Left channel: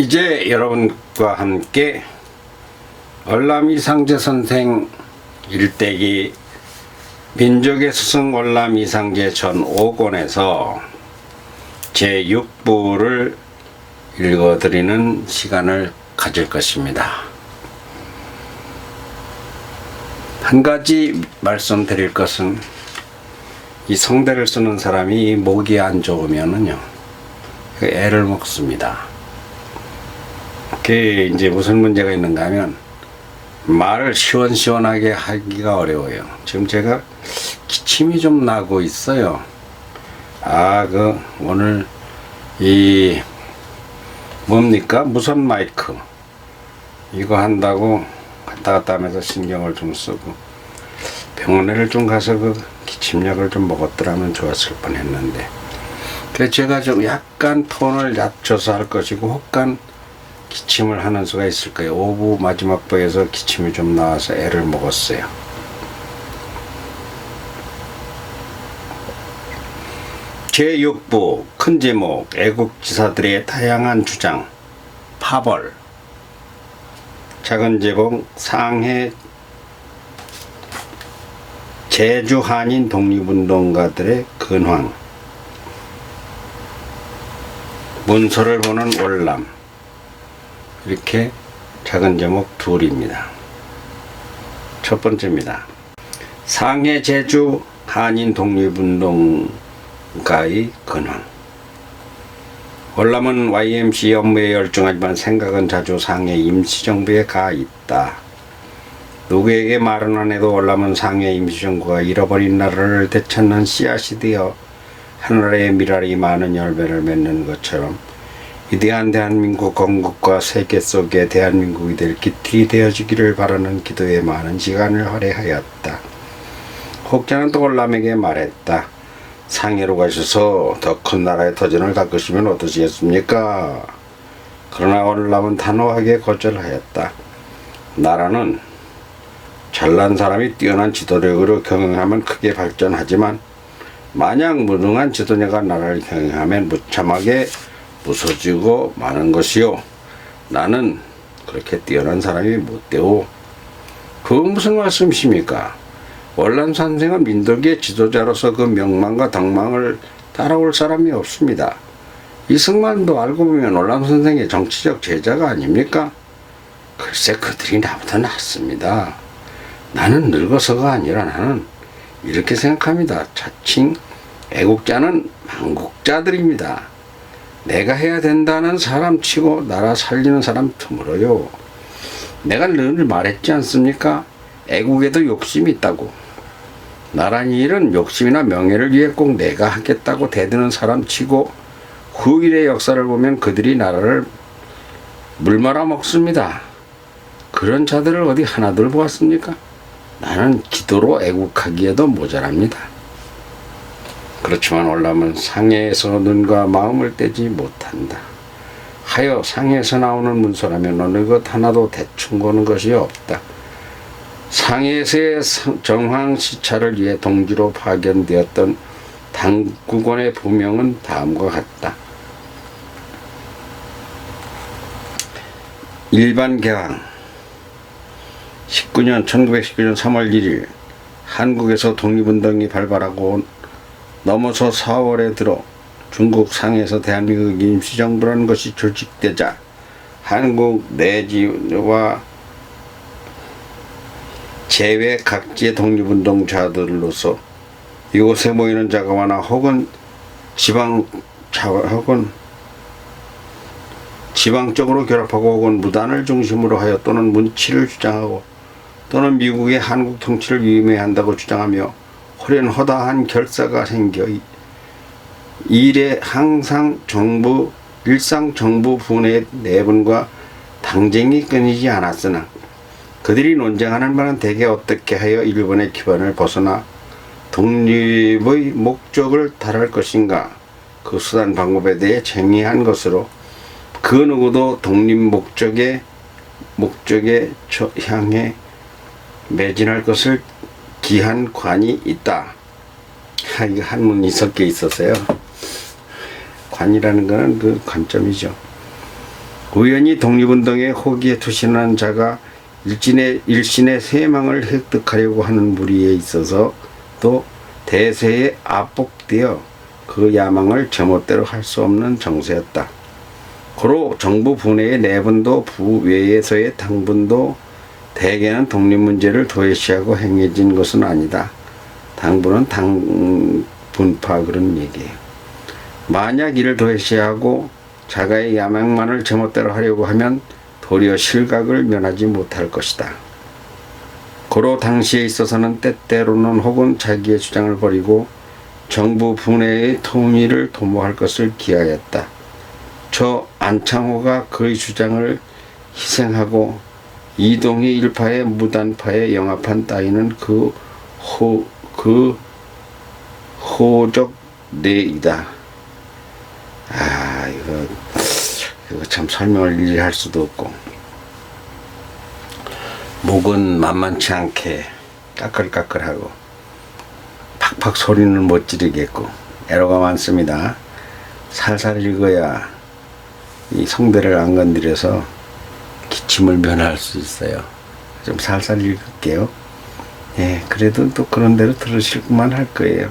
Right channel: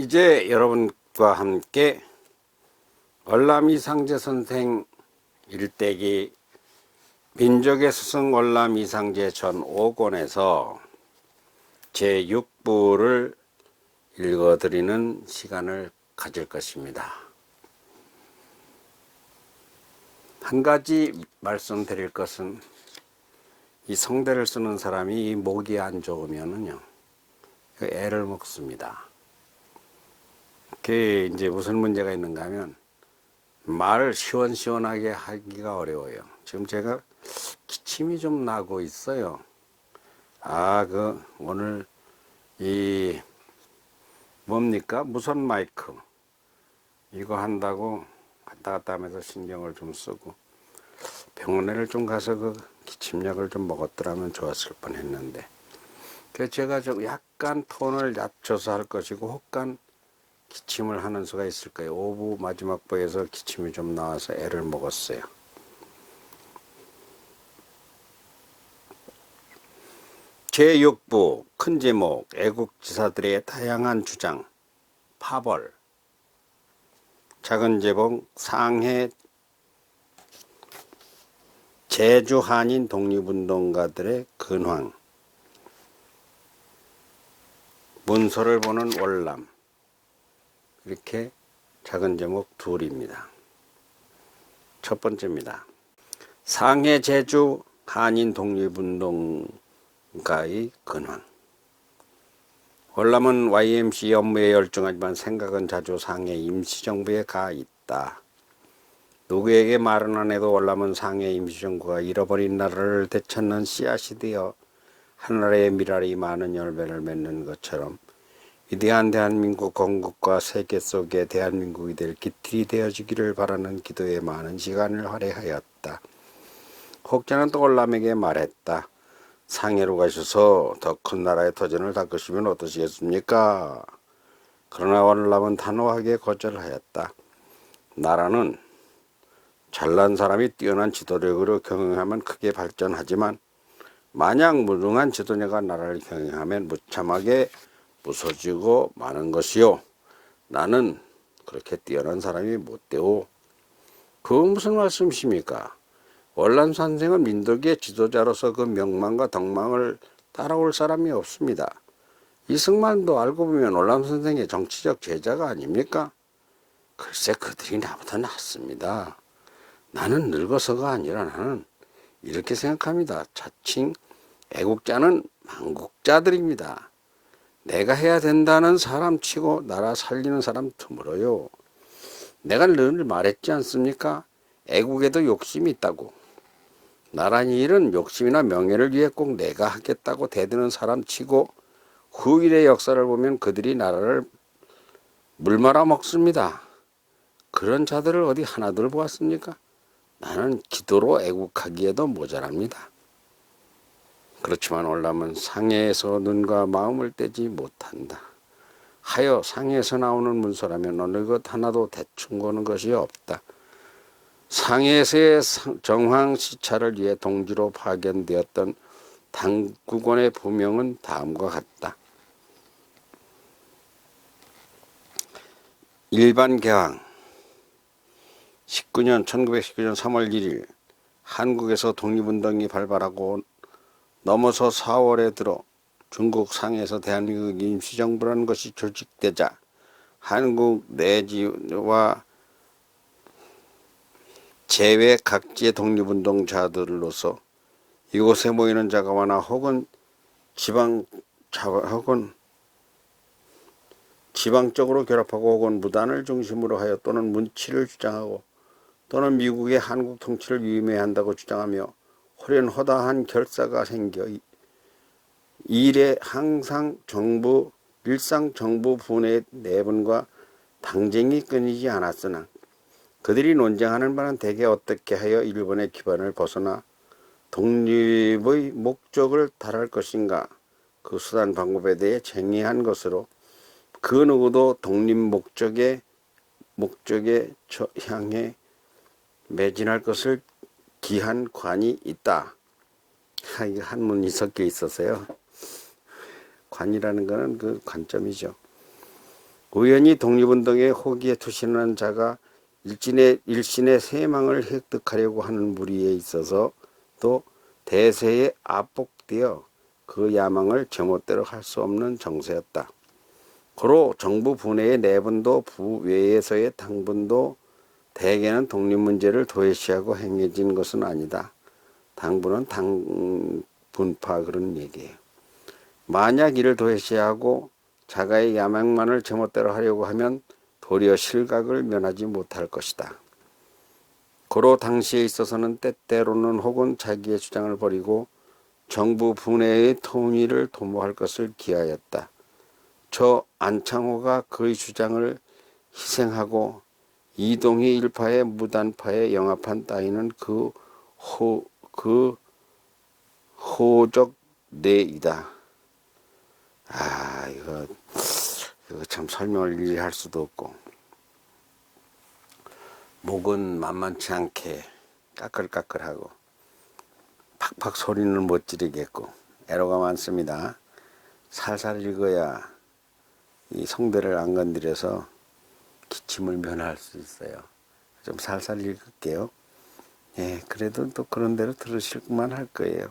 이제 여러분과 함께 월남 이상제 선생 일대기 민족의 스승 월남 이상제 전 5권에서 제6부를 읽어드리는 시간을 가질 것입니다. 한 가지 말씀드릴 것은 이 성대를 쓰는 사람이 목이 안 좋으면은요, 애를 먹습니다. 그게 이제 무슨 문제가 있는가 하면 말을 시원시원하게 하기가 어려워요. 지금 제가 기침이 좀 나고 있어요. 오늘 이 뭡니까? 무선 마이크 이거 한다고 갔다 갔다 하면서 신경을 좀 쓰고 병원에를 좀 가서 그 기침약을 좀 먹었더라면 좋았을 뻔했는데, 그래서 제가 좀 약간 톤을 낮춰서 할 것이고 혹간 기침을 하는 수가 있을 거예요. 5부 마지막 부에서 기침이 좀 나와서 애를 먹었어요. 제6부 큰 제목 애국지사들의 다양한 주장 파벌. 작은 제목 상해 제주 한인 독립운동가들의 근황. 문서를 보는 월남. 이렇게 작은 제목 둘입니다. 첫 번째입니다. 상해 제주 한인 독립운동가의 근황. 월남은 YMC 업무에 열중하지만 생각은 자주 상해 임시정부에 가 있다. 누구에게 말은 안 해도 월남은 상해 임시정부가 잃어버린 나라를 되찾는 씨앗이 되어 하늘의 미랄이 많은 열매를 맺는 것처럼 위대한 대한민국 건국과 세계 속에 대한민국이 될 기틀이 되어주기를 바라는 기도에 많은 시간을 할애하였다. 혹자는 또 월남에게 말했다. 상해로 가셔서 더 큰 나라의 터전을 닦으시면 어떠시겠습니까? 그러나 월남은 단호하게 거절하였다. 나라는 잘난 사람이 뛰어난 지도력으로 경영하면 크게 발전하지만 만약 무능한 지도자가 나라를 경영하면 무참하게 부서지고 마는 것이요. 나는 그렇게 뛰어난 사람이 못 되오. 그건 무슨 말씀이십니까? 월남 선생은 민족의 지도자로서 그 명망과 덕망을 따라올 사람이 없습니다. 이승만도 알고 보면 월남 선생의 정치적 제자가 아닙니까? 글쎄 그들이 나보다 낫습니다. 나는 늙어서가 아니라 나는 이렇게 생각합니다. 자칭 애국자는 망국자들입니다. 내가 해야 된다는 사람 치고 나라 살리는 사람 드물어요. 내가 늘 말했지 않습니까? 애국에도 욕심이 있다고. 나란 일은 욕심이나 명예를 위해 꼭 내가 하겠다고 대드는 사람 치고 후일의 역사를 보면 그들이 나라를 물말아 먹습니다. 그런 자들을 어디 하나둘 보았습니까? 나는 기도로 애국하기에도 모자랍니다. 그렇지만 월남은 상해에서 눈과 마음을 떼지 못한다. 하여 상해에서 나오는 문서라면 어느 것 하나도 대충 보는 것이 없다. 상해에서의 정황 시찰을 위해 동지로 파견되었던 당국원의 부명은 다음과 같다. 일반 개항 1919년 3월 1일 한국에서 독립운동이 발발하고 넘어서 4월에 들어 중국 상해에서 대한민국 임시정부라는 것이 조직되자 한국 내지와 제외 각지의 독립운동자들로서 이곳에 모이는 자가 많아 혹은 지방적으로 결합하고 혹은 무단을 중심으로 하여 또는 문치를 주장하고 또는 미국의 한국 통치를 위임해야 한다고 주장하며 호련허다한 결사가 생겨 일에 항상 일상 정부 분의 내분과 당쟁이 끊이지 않았으나 그들이 논쟁하는 바는 대개 어떻게 하여 일본의 기반을 벗어나 독립의 목적을 달할 것인가, 그 수단 방법에 대해 쟁의한 것으로 그 누구도 독립 목적에 향해 매진할 것을 기한 관이 있다. 이거 한문이 섞여 있었어요. 관이라는 것은 그 관점이죠. 우연히 독립운동에 호기에 투신한 자가 일신의 세망을 획득하려고 하는 무리에 있어서 또 대세에 압복되어 그 야망을 제멋대로 할 수 없는 정세였다. 고로 정부 분해의 내분도 부외에서의 당분도 대개는 독립문제를 도외시하고 행해진 것은 아니다. 당분은 당분파 그런 얘기예요. 만약 이를 도외시하고 자가의 야망만을 제멋대로 하려고 하면 도리어 실각을 면하지 못할 것이다. 고로 당시에 있어서는 때때로는 혹은 자기의 주장을 버리고 정부 분해의 통일을 도모할 것을 기하였다. 저 안창호가 그의 주장을 희생하고 이동희 일파의 무단파에 영합한 따위는 그 호적 내이다. 이거 참 설명을 일일이 할 수도 없고, 목은 만만치 않게 까끌까끌하고 팍팍 소리는 못 지르겠고 애로가 많습니다. 살살 읽어야 이 성대를 안 건드려서 기침을 면할 수 있어요. 좀 살살 읽을게요. 예, 그래도 또 그런 대로 들으실만 할 거예요.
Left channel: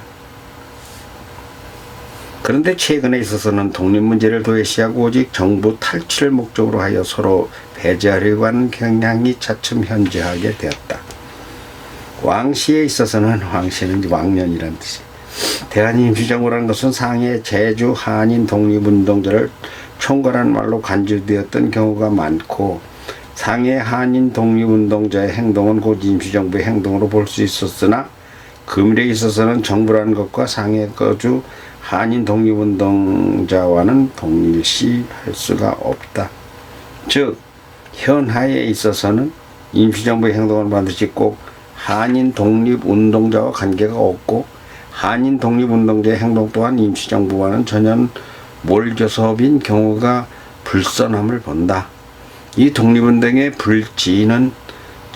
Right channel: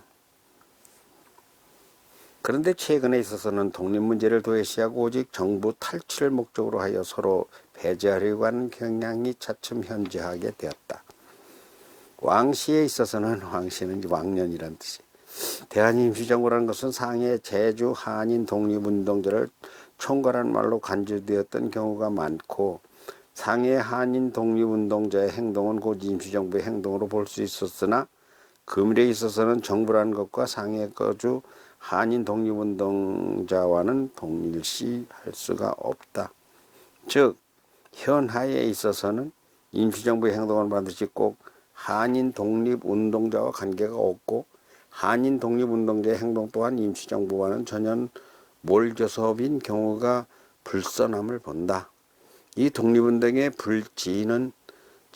그런데 최근에 있어서는 독립문제를 도외시하고 오직 정부 탈취를 목적으로 하여 서로 배제하려고 하는 경향이 차츰 현저하게 되었다. 왕시에 있어서는, 왕시는 왕년이란 뜻이, 대한임시정부라는 것은 상해 제주 한인 독립운동자를 총괄한 말로 간주되었던 경우가 많고, 상해 한인 독립운동자의 행동은 곧 임시정부의 행동으로 볼 수 있었으나 금일에 있어서는 정부라는 것과 상해 거주 한인 독립운동자와는 동일시할 수가 없다. 즉 현하에 있어서는 임시정부의 행동은 반드시 꼭 한인 독립운동자와 관계가 없고, 한인 독립운동자의 행동 또한 임시정부와는 전혀 몰교섭인 경우가 불선함을 본다. 이 독립운동의 불지는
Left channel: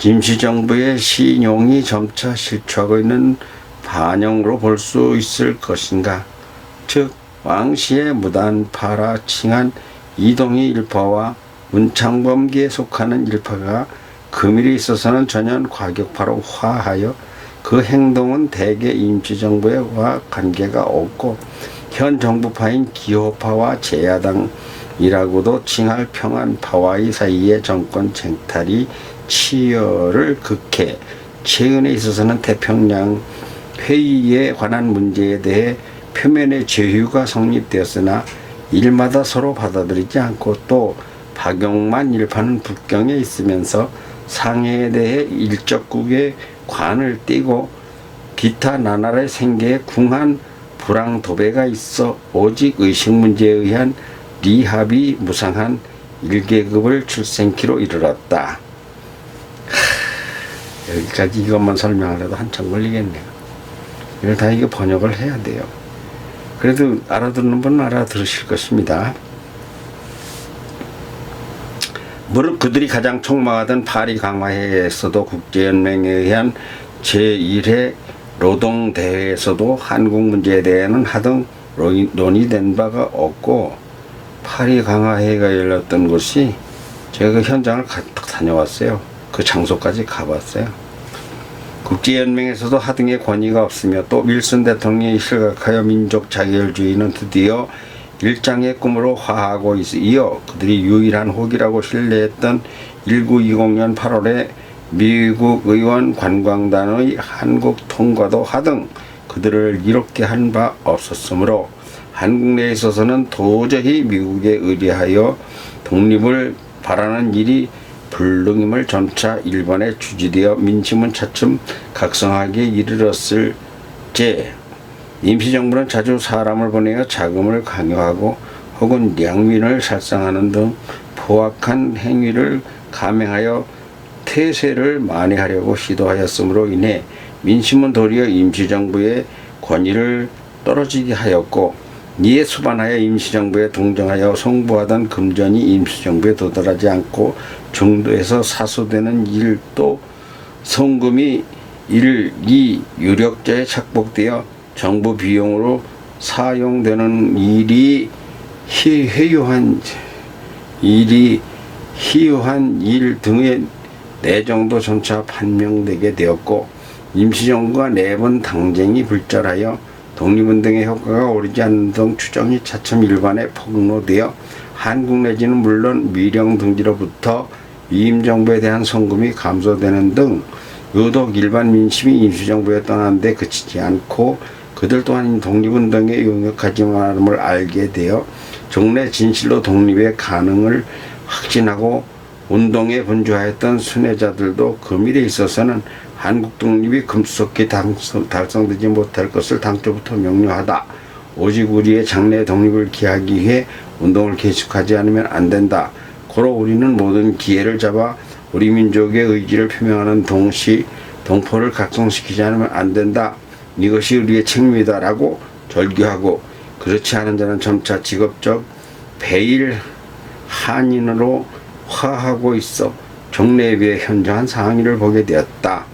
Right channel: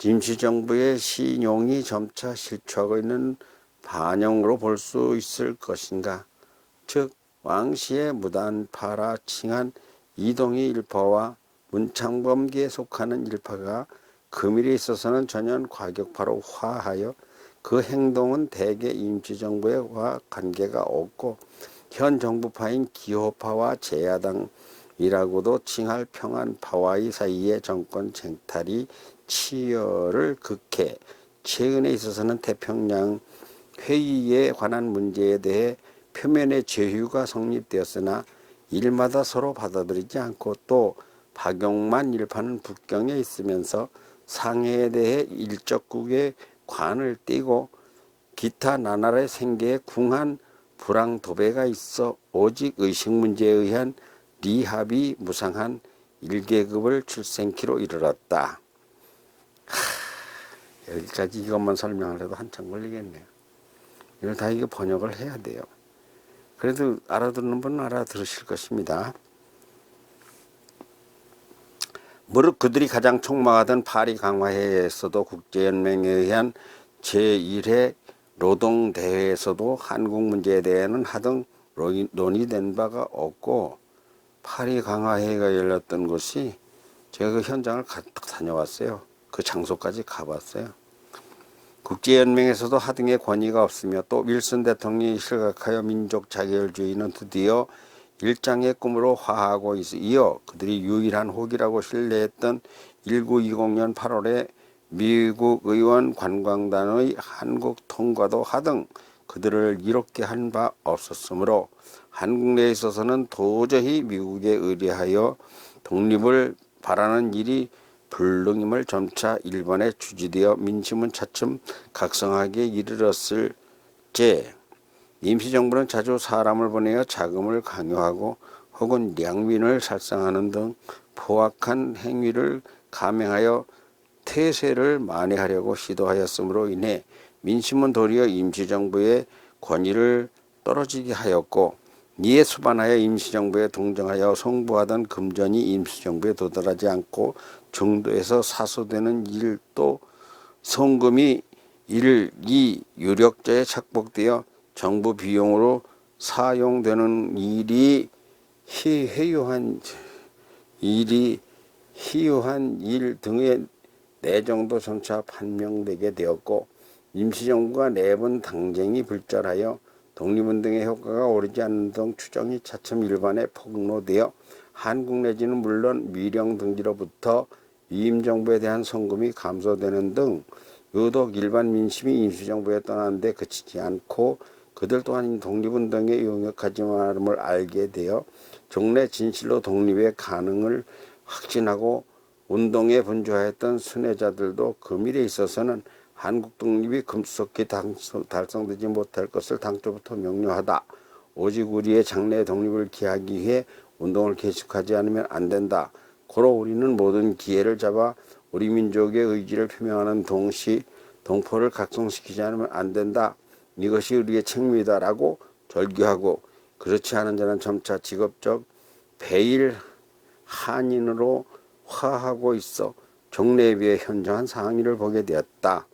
임시정부의 신용이 점차 실추하고 있는 반영으로 볼 수 있을 것인가. 즉 왕시의 무단파라 칭한 이동희 일파와 문창범기에 속하는 일파가 금일에 있어서는 전혀 과격파로 화하여 그 행동은 대개 임시정부와 관계가 없고 현 정부파인 기호파와 제야당이라고도 칭할 평안파와의 사이의 정권 쟁탈이 치열을 극해 최근에 있어서는 태평양 회의에 관한 문제에 대해 표면의 제휴가 성립되었으나 일마다 서로 받아들이지 않고 또 박용만 일파는 북경에 있으면서 상해에 대해 일적국의 관을 띄고 기타 나날의 생계에 궁한 불황도배가 있어 오직 의식 문제에 의한 리합이 무상한 1계급을 출생키로 이르렀다. 여기까지 이것만 설명하려도 한참 걸리겠네요. 이걸 다 이게 번역을 해야 돼요. 그래도 알아듣는 분은 알아들으실 것입니다. 무릇 그들이 가장 촉망하던 파리 강화회에서도 국제연맹에 의한 제1회 노동대회에서도 한국 문제에 대해는 하등 논의된 바가 없고, 파리 강화회가 열렸던 곳이 제가 그 현장을 가득 다녀왔어요. 그 장소까지 가봤어요. 국제연맹에서도 하등의 권위가 없으며 또 윌슨 대통령이 실각하여 민족 자결주의는 드디어 일장의 꿈으로 화하고 이어 그들이 유일한 혹이라고 신뢰했던 1920년 8월에 미국 의원 관광단의 한국 통과도 하등 그들을 이롭게 한 바 없었으므로 한국 내에 있어서는 도저히 미국에 의뢰하여 독립을 바라는 일이 불능임을 점차 일본에 주지되어 민심은 차츰 각성하게 이르렀을 제 임시정부는 자주 사람을 보내어 자금을 강요하고 혹은 량민을 살상하는 등 포악한 행위를 감행하여 태세를 만회하려고 시도하였으므로 인해 민심은 도리어 임시정부의 권위를 떨어지게 하였고, 이에 수반하여 임시정부에 동정하여 송부하던 금전이 임시정부에 도달하지 않고 중도에서 사소되는 일도 송금이 이 유력자에 착복되어 정부 비용으로 사용되는 일이 회유한 일이 희유한 일 등의 내정도 점차 판명되게 되었고 임시정부가 4번 당쟁이 불절하여 독립운동의 효과가 오르지 않는 등 추정이 차츰 일반에 폭로되어 한국 내지는 물론 미령 등지로부터 위임정부에 대한 성금이 감소되는 등 유독 일반 민심이 임시정부에 떠나는데 그치지 않고 그들 또한 독립운동에 용역하지만을 알게 되어 종래 진실로 독립의 가능을 확신하고 운동에 분주하였던 순회자들도 금일에 있어서는 한국 독립이 급속히 달성되지 못할 것을 당초부터 명료하다. 오직 우리의 장래 독립을 기하기 위해 운동을 계속하지 않으면 안 된다. 고로 우리는 모든 기회를 잡아 우리 민족의 의지를 표명하는 동시 동포를 각성시키지 않으면 안 된다. 이것이 우리의 책임이다라고 절규하고 그렇지 않은 자는 점차 직업적 배일 한인으로 화하고 있어 종래에 비해 현저한 상황을 보게 되었다.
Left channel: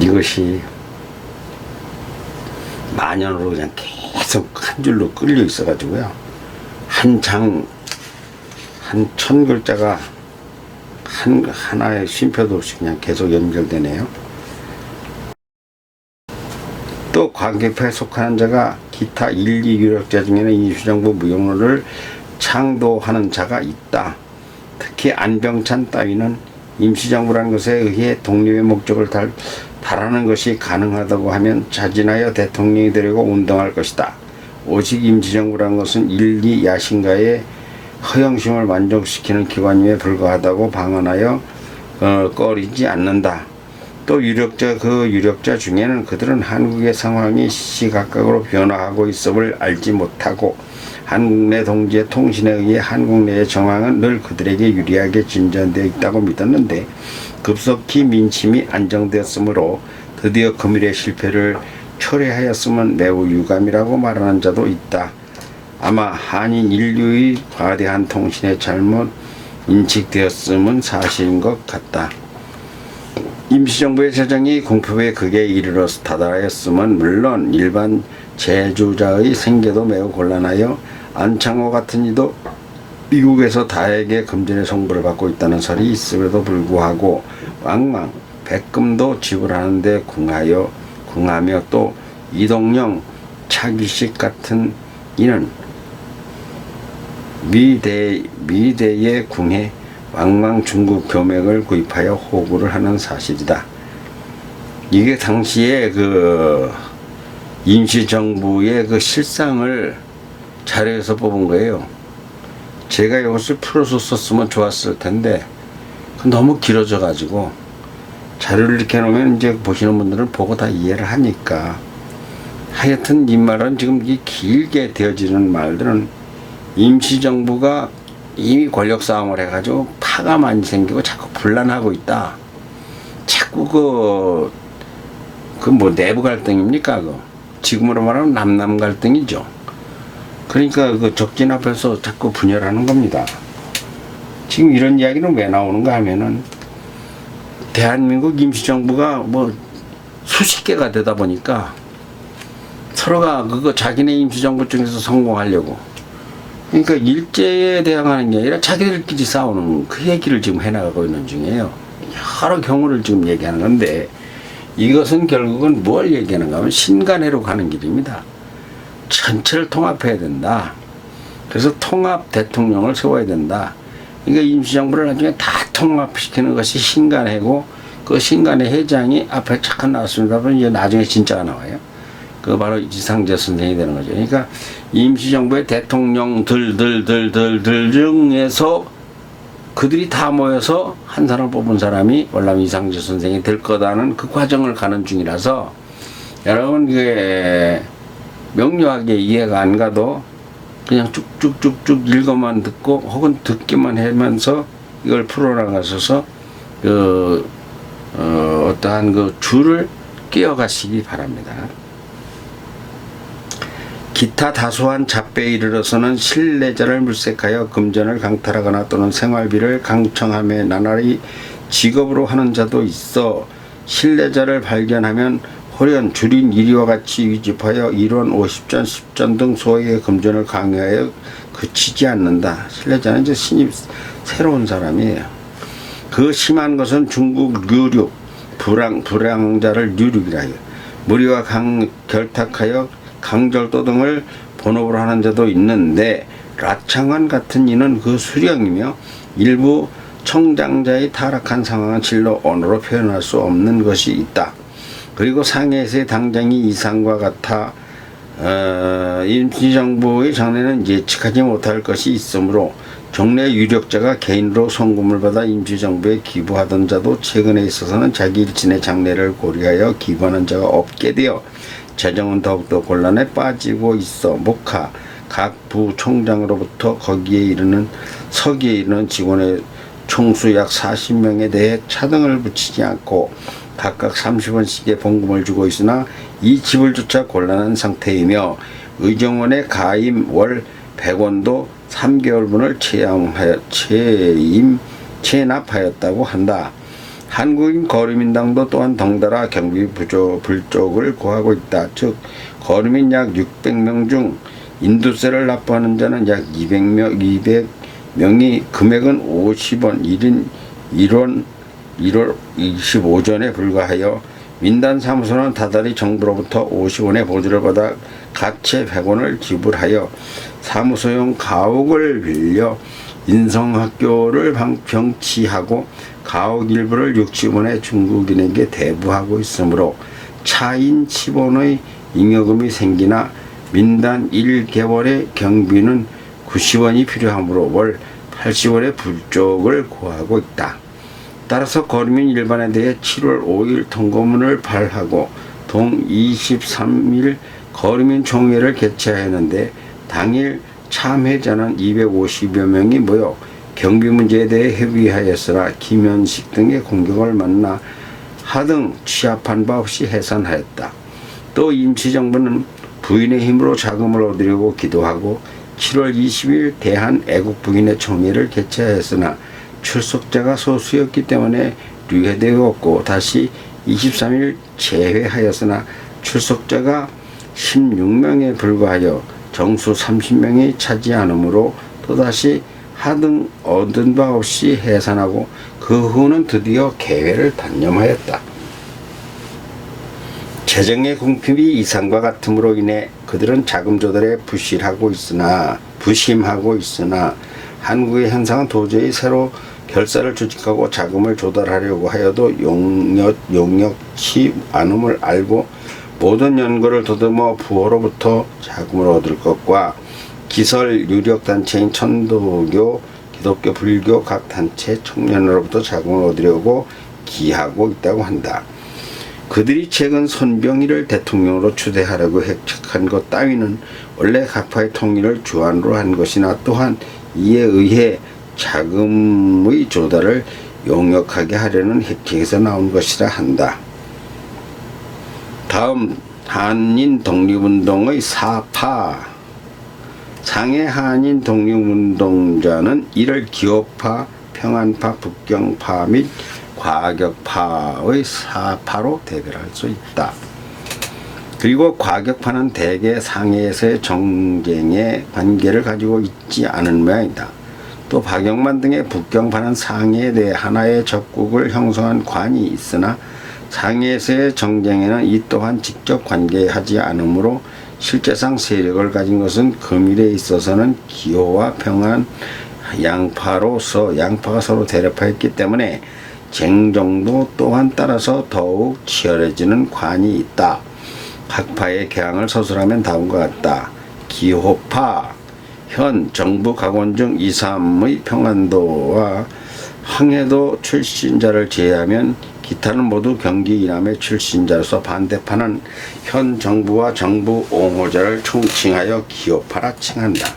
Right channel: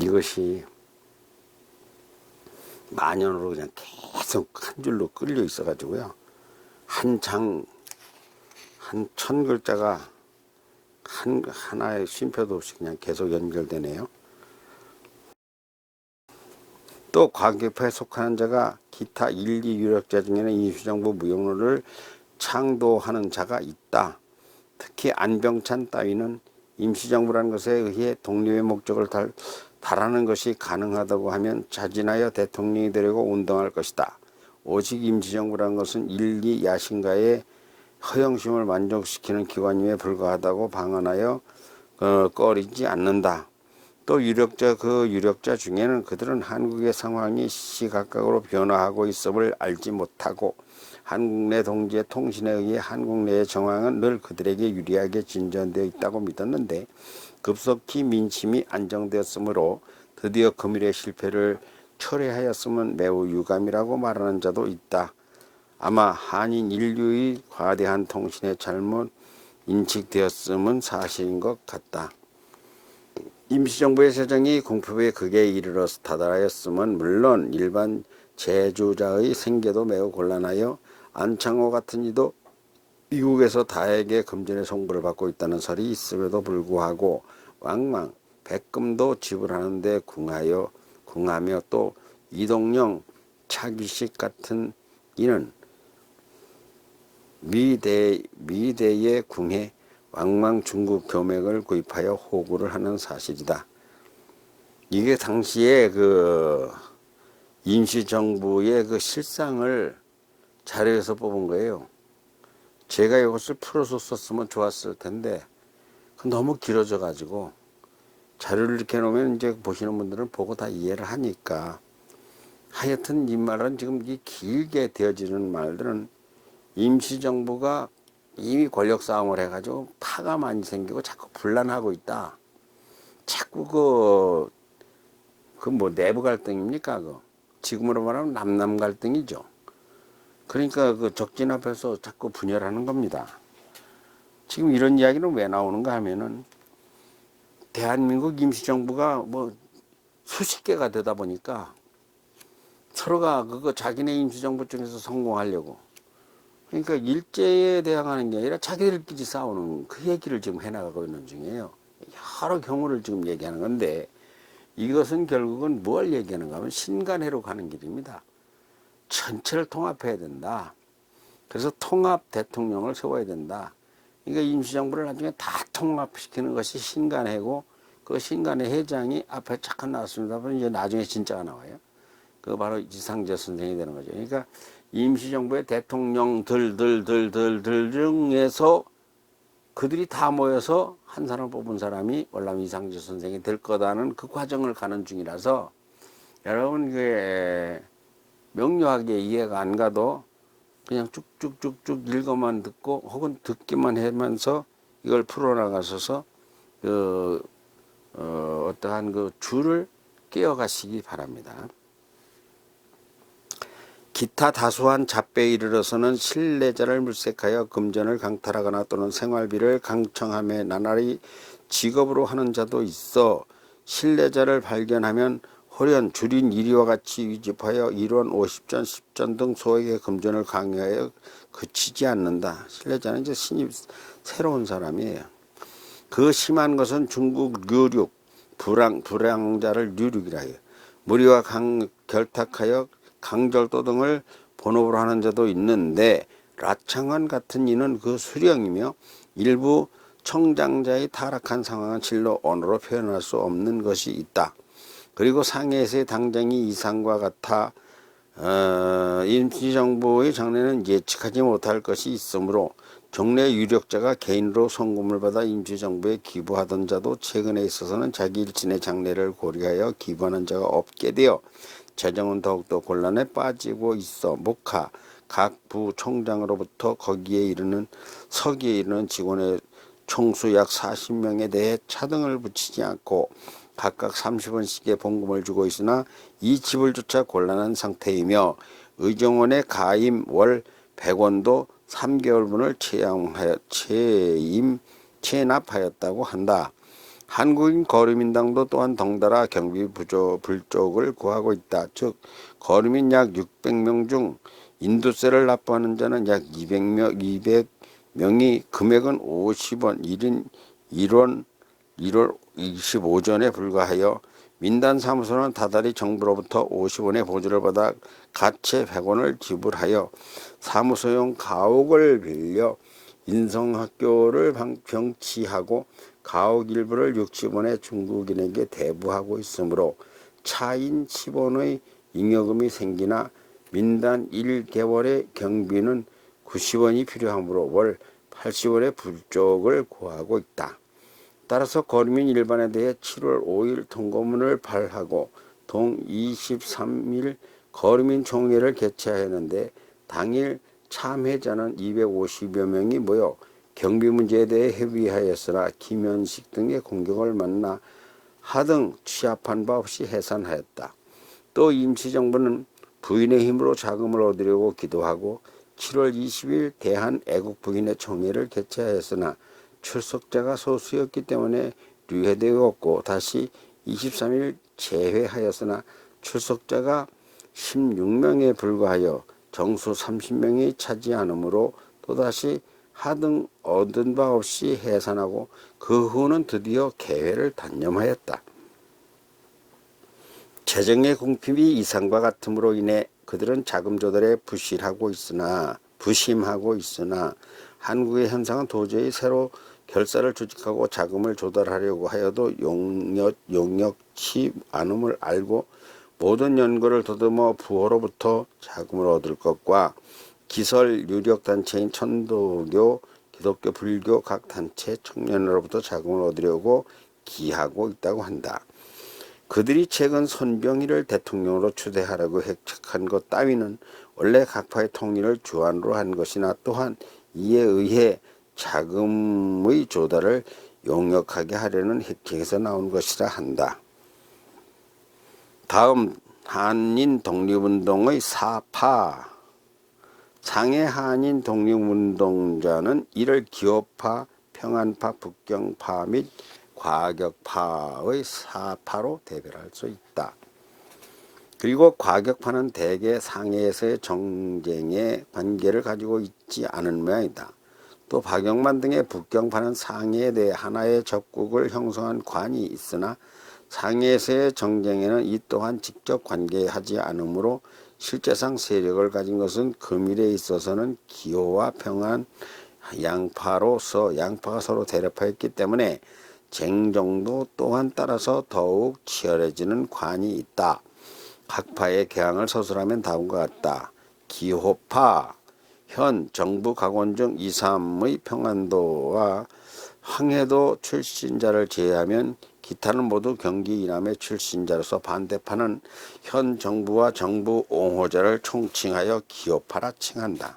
이것이 만연으로 그냥 계속 한 줄로 끌려 있어가지고요. 한 1000글자가 하나의 쉼표도 없이 그냥 계속 연결되네요. 또 관객파에 속하는 자가 기타 1, 2 유력자 중에는 임시정부 무용론을 창도하는 자가 있다. 특히 안병찬 따위는 임시정부라는 것에 의해 독립의 목적을 달하는 것이 가능하다고 하면 자진하여 대통령이 되려고 운동할 것이다. 오직 임시정부라는 것은 1, 2 야신가의 허영심을 만족시키는 기관임에 불과하다고 방언하여 꺼리지 않는다. 또 유력자 중에는 그들은 한국의 상황이 시시각각으로 변화하고 있음을 알지 못하고 한국 내 동지의 통신에 의해 한국 내의 정황은 늘 그들에게 유리하게 진전되어 있다고 믿었는데 급속히 민심이 안정되었으므로 드디어 금일의 실패를 초래하였음은 매우 유감이라고 말하는 자도 있다. 아마 한인 인류의 과대한 통신에 잘못 인식되었음은 사실인 것 같다. 임시정부의 세정이 공표에 극에 이르러서 다다랐음은 물론 일반 제주자의 생계도 매우 곤란하여 안창호 같은 이도 미국에서 다에게 금전의 송부를 받고 있다는 설이 있음에도 불구하고 왕왕 백금도 지불하는데 궁하며 또 이동영, 차기식 같은 이는 미대에 궁해 왕왕 중국 교맥을 구입하여 호구를 하는 사실이다. 이게 당시에 그 임시정부의 그 실상을 자료에서 뽑은 거예요. 제가 이것을 풀어서 썼으면 좋았을 텐데 너무 길어져 가지고 자료를 이렇게 놓으면 이제 보시는 분들은 보고 다 이해를 하니까 하여튼 이 말은 지금 이 길게 되어지는 말들은 임시정부가 이미 권력 싸움을 해가지고 파가 많이 생기고 자꾸 분란하고 있다. 자꾸 그 뭐 내부 갈등입니까? 지금으로 말하면 남남 갈등이죠. 그러니까 그 적진 앞에서 자꾸 분열하는 겁니다. 지금 이런 이야기는 왜 나오는가 하면은 대한민국 임시정부가 뭐 수십 개가 되다 보니까 서로가 그거 자기네 임시정부 중에서 성공하려고 그러니까 일제에 대항하는 게 아니라 자기들끼리 싸우는 그 얘기를 지금 해나가고 있는 중이에요. 여러 경우를 지금 얘기하는 건데 이것은 결국은 뭘 얘기하는가 하면 신간회로 가는 길입니다. 전체를 통합해야 된다. 그래서 통합 대통령을 세워야 된다. 그러니까 임시정부를 나중에 다 통합시키는 것이 신간회고 그 신간회 회장이 앞에 잠깐 나왔습니다. 그럼 이제 나중에 진짜가 나와요. 그 바로 이상재 선생이 되는 거죠. 그러니까 임시정부의 대통령들 중에서 그들이 다 모여서 한 사람을 뽑은 사람이 월남 이상재 선생이 될 거다는 그 과정을 가는 중이라서 여러분 그게 명료하게 이해가 안 가도 그냥 쭉쭉쭉쭉 읽어만 듣고 혹은 듣기만 하면서 이걸 풀어나가셔서 어떠한 그 줄을 끼어가시기 바랍니다. 기타 다소한 잡배에 이르러서는 실내자를 물색하여 금전을 강탈하거나 또는 생활비를 강청함에 나날이 직업으로 하는 자도 있어 실내자를 발견하면 호련 줄인 이리와 같이 위집하여 1원 50전 10전 등 소액의 금전을 강요하여 그치지 않는다. 신뢰자는 이제 신입 새로운 사람이에요. 그 심한 것은 중국 류륙 불량자를 류륙이라 해요. 무리와 결탁하여 강절도 등을 본업으로 하는 자도 있는데 라창원 같은 이는 그 수령이며 일부 청장자의 타락한 상황은 실로 언어로 표현할 수 없는 것이 있다. 그리고 상해에서의 당장이 이상과 같아 임시정부의 장래는 예측하지 못할 것이 있으므로 종래 유력자가 개인으로 송금을 받아 임시정부에 기부하던 자도 최근에 있어서는 자기 일진의 장래를 고려하여 기부하는 자가 없게 되어 재정은 더욱더 곤란에 빠지고 있어 목하 각 부 총장으로부터 서기에 이르는 직원의 총수 약 40명에 대해 차등을 붙이지 않고 각각 30원씩의 봉금을 주고 있으나 이 지불조차 곤란한 상태이며 의정원의 가임 월 100원도 3개월분을 체납하였다고 한다. 한국인 거류민당도 또한 덩달아 경비 불족을 구하고 있다. 즉 거류민 약 600명 중 인도세를 납부하는 자는 약 200명이 금액은 50원 1인 1월 25전에 불과하여 민단사무소는 다달이 정부로부터 50원의 보조를 받아 가채 100원을 지불하여 사무소용 가옥을 빌려 인성학교를 병치하고 가옥 일부를 60원의 중국인에게 대부하고 있으므로 차인 10원의 잉여금이 생기나 민단 1개월의 경비는 90원이 필요하므로 월 80원의 불족을 구하고 있다. 따라서 거류민 일반에 대해 7월 5일 통고문을 발하고 동 23일 거류민 총회를 개최하였는데 당일 참회자는 250여 명이 모여 경비 문제에 대해 협의하였으나 김현식 등의 공격을 만나 하등 취합한 바 없이 해산하였다. 또 임시정부는 부인의 힘으로 자금을 얻으려고 기도하고 7월 20일 대한애국부인의 총회를 개최하였으나 출석자가 소수였기 때문에 류회되었고 다시 23일 재회하였으나 출석자가 16명에 불과하여 정수 30명이 차지하므로 또다시 하등 얻은 바 없이 해산하고 그 후는 드디어 개회를 단념하였다. 재정의 궁핍이 이상과 같음으로 인해 그들은 자금 조달에 부심하고 있으나 한국의 현상은 도저히 새로 결사를 조직하고 자금을 조달하려고 하여도 용역치 않음을 알고 모든 연구를 더듬어 부호로부터 자금을 얻을 것과 기설 유력단체인 천도교, 기독교, 불교 각 단체 청년으로부터 자금을 얻으려고 기하고 있다고 한다. 그들이 최근 손병희를 대통령으로 추대하려고 핵책한 것 따위는 원래 각파의 통일을 주안으로 한 것이나 또한 이에 의해 자금의 조달을 용역하게 하려는 핵책에서 나온 것이라 한다. 다음 한인 독립운동의 사파. 상해 한인 독립운동자는 이를 기호파, 평안파, 북경파 및 과격파의 사파로 대별할 수 있다. 그리고 과격파는 대개 상해에서의 정쟁의 관계를 가지고 있지 않은 모양이다. 또 박영만 등의 북경파는 상해에 대해 하나의 적국을 형성한 관이 있으나 상해에서의 정쟁에는 이 또한 직접 관계하지 않으므로 실제상 세력을 가진 것은 금일에 있어서는 기호와 평안 양파가 서로 대립하였기 때문에 쟁정도 또한 따라서 더욱 치열해지는 관이 있다. 각파의 개항을 서술하면 다음과 같다. 기호파, 현 정부 각원 중 2, 3의 평안도와 황해도 출신자를 제외하면 기타는 모두 경기 이남의 출신자로서 반대파는 현 정부와 정부 옹호자를 총칭하여 기호파라 칭한다.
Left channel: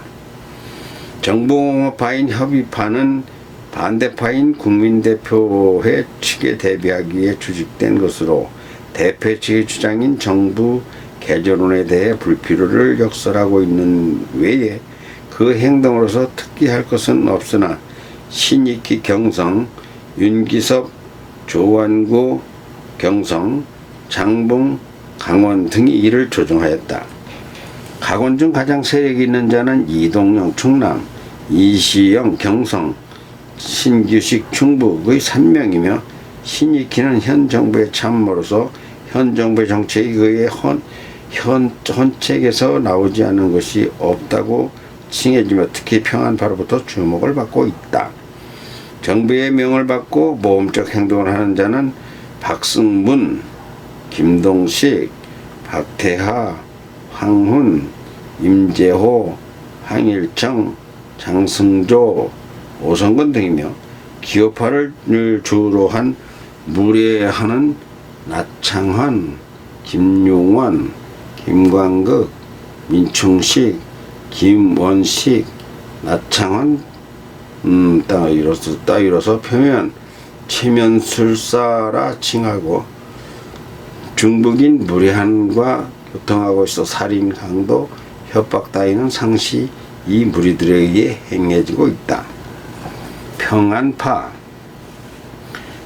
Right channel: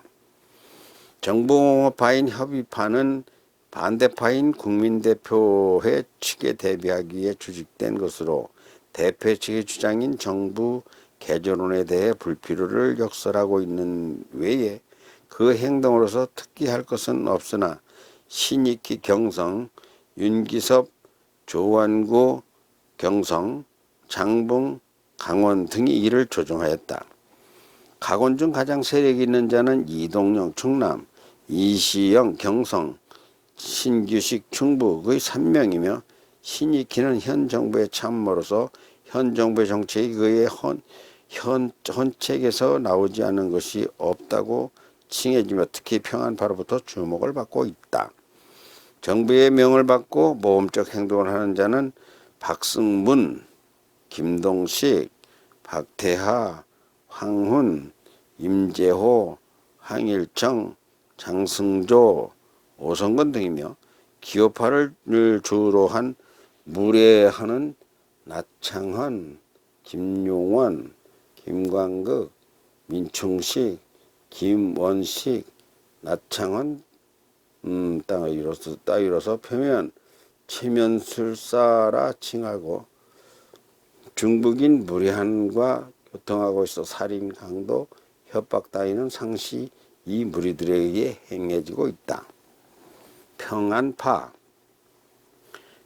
정부 옹호파인 협의파는 반대파인 국민대표회 측에 대비하기 위해 조직된 것으로 대표 측의 주장인 정부 개조론에 대해 불필요를 역설하고 있는 외에 그 행동으로서 특기할 것은 없으나 신익희 경성, 윤기섭 조완구 경성, 장봉 강원 등이 이를 조정하였다. 가건 중 가장 세력이 있는 자는 이동영 충남, 이시영 경성, 신규식 충북의 3명이며 신익희는 현 정부의 참모로서 현 정부의 정책이 그의 헌책에서 나오지 않은 것이 없다고 칭해지며 특히 평안파로부터 주목을 받고 있다. 정부의 명을 받고 모험적 행동을 하는 자는 박승문, 김동식, 박태하, 황훈, 임재호, 황일청, 장승조, 오성근 등이며 기업화를 주로 한 무례하는 나창환, 김용원, 김광극, 민충식, 김원식, 나창환 따위로서 표면 체면술사라 칭하고 중북인 무례한과 교통하고 있어 살인, 강도, 협박 따위는 상시 이 무리들에게 행해지고 있다.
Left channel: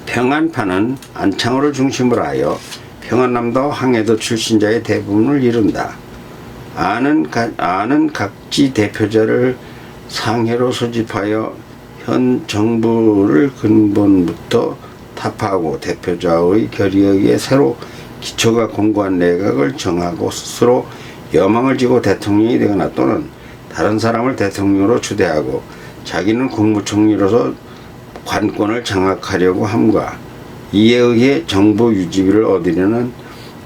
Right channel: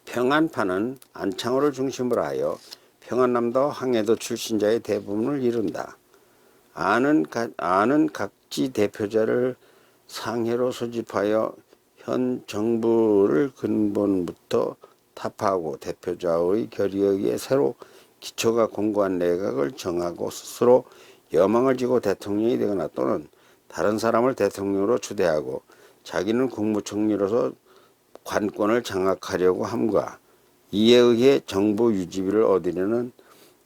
평안파는 안창호를 중심으로 하여 평안남도 황해도 출신자의 대부분을 이룬다. 아는 각지 대표자를 상해로 소집하여 현 정부를 근본부터 타파하고 대표자의 결의에 의해 새로 기초가 공고한 내각을 정하고 스스로 여망을 지고 대통령이 되거나 또는 다른 사람을 대통령으로 추대하고 자기는 국무총리로서 관권을 장악하려고 함과 이에 의해 정부 유지비를 얻으려는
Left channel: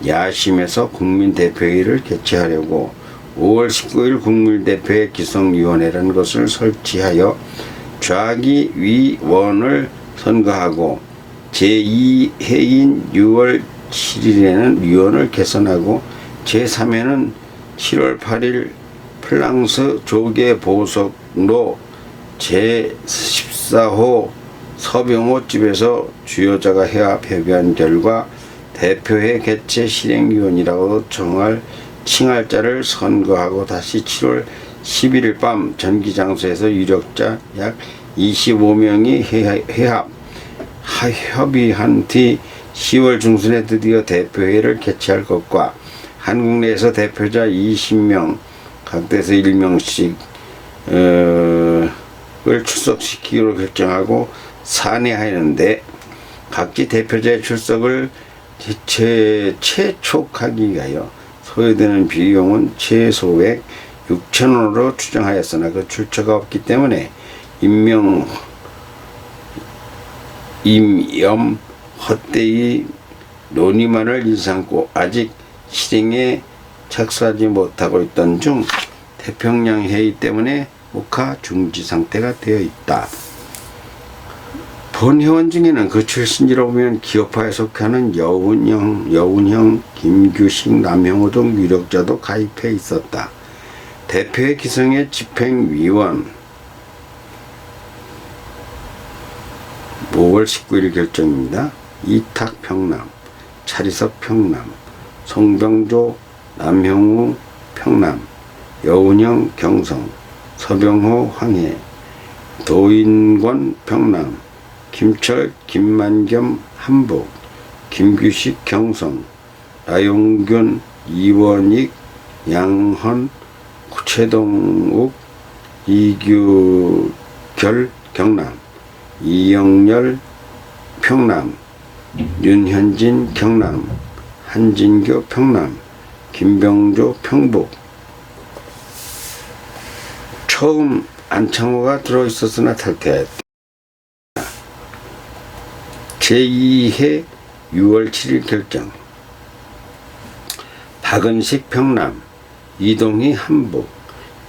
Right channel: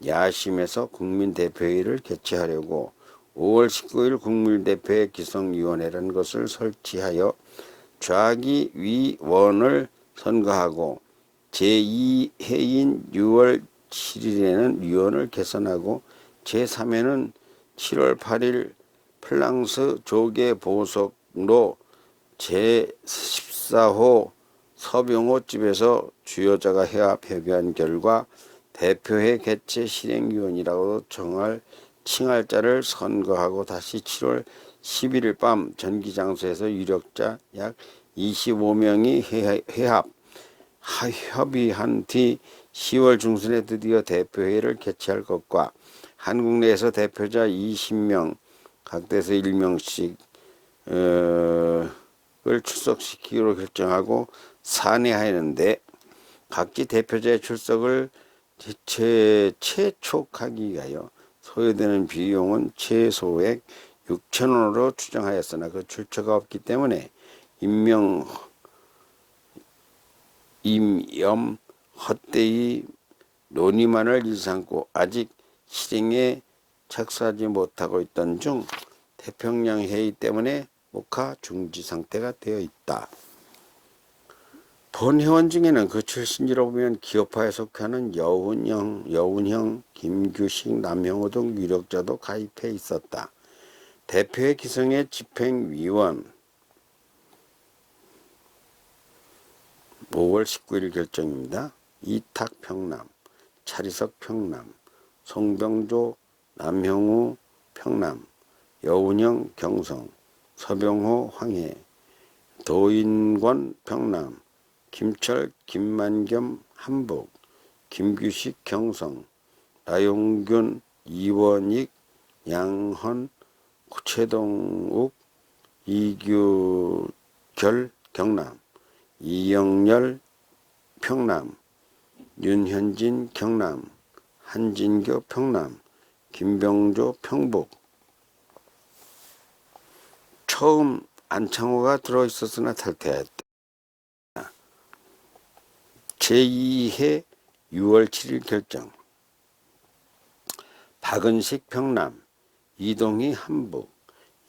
야심에서 국민대표회의를 개최하려고 5월 19일 국민대표회 기성위원회라는 것을 설치하여 좌기위원을 선거하고 제2회인 6월 7일에는 위원을 개선하고 제3회는 7월 8일 프랑스 조계 보석로 제14호 서병호 집에서 주요자가 회합 협의한 결과 대표회 개최 실행위원이라고 칭할 자를 선거하고 다시 7월 11일 밤 전기장소에서 유력자 약 25명이 협의한 뒤 10월 중순에 드디어 대표회를 개최할 것과 한국 내에서 대표자 20명 각대에서 1명씩 을 출석시키기로 결정하고 산해하였는데 각지 대표자의 출석을 최촉하기 위하여 소요되는 비용은 최소액 6,000원으로 추정하였으나 그 출처가 없기 때문에 임염 헛되이 논의만을 일삼고 아직 실행에 착수하지 못하고 있던 중 태평양 회의 때문에 목화 중지 상태가 되어 있다. 본 회원 중에는 그 출신지로 보면 기업화에 속하는 여운형, 김규식, 남형우 등 유력자도 가입해 있었다. 대표의 기성의 집행위원 5월 19일 결정입니다. 이탁 평남, 차리석 평남, 송병조, 남형우 평남, 여운형 경성, 서병호 황해, 도인권 평남, 김철 김만겸 한북, 김규식 경성, 나용균 이원익 양헌 최동욱 이규결 경남, 이영렬 평남, 윤현진 경남, 한진교 평남, 김병조 평북. 처음 안창호가 들어있었으나 탈퇴했다. 제2회 6월 7일 결정. 박은식 평남, 이동희 한북,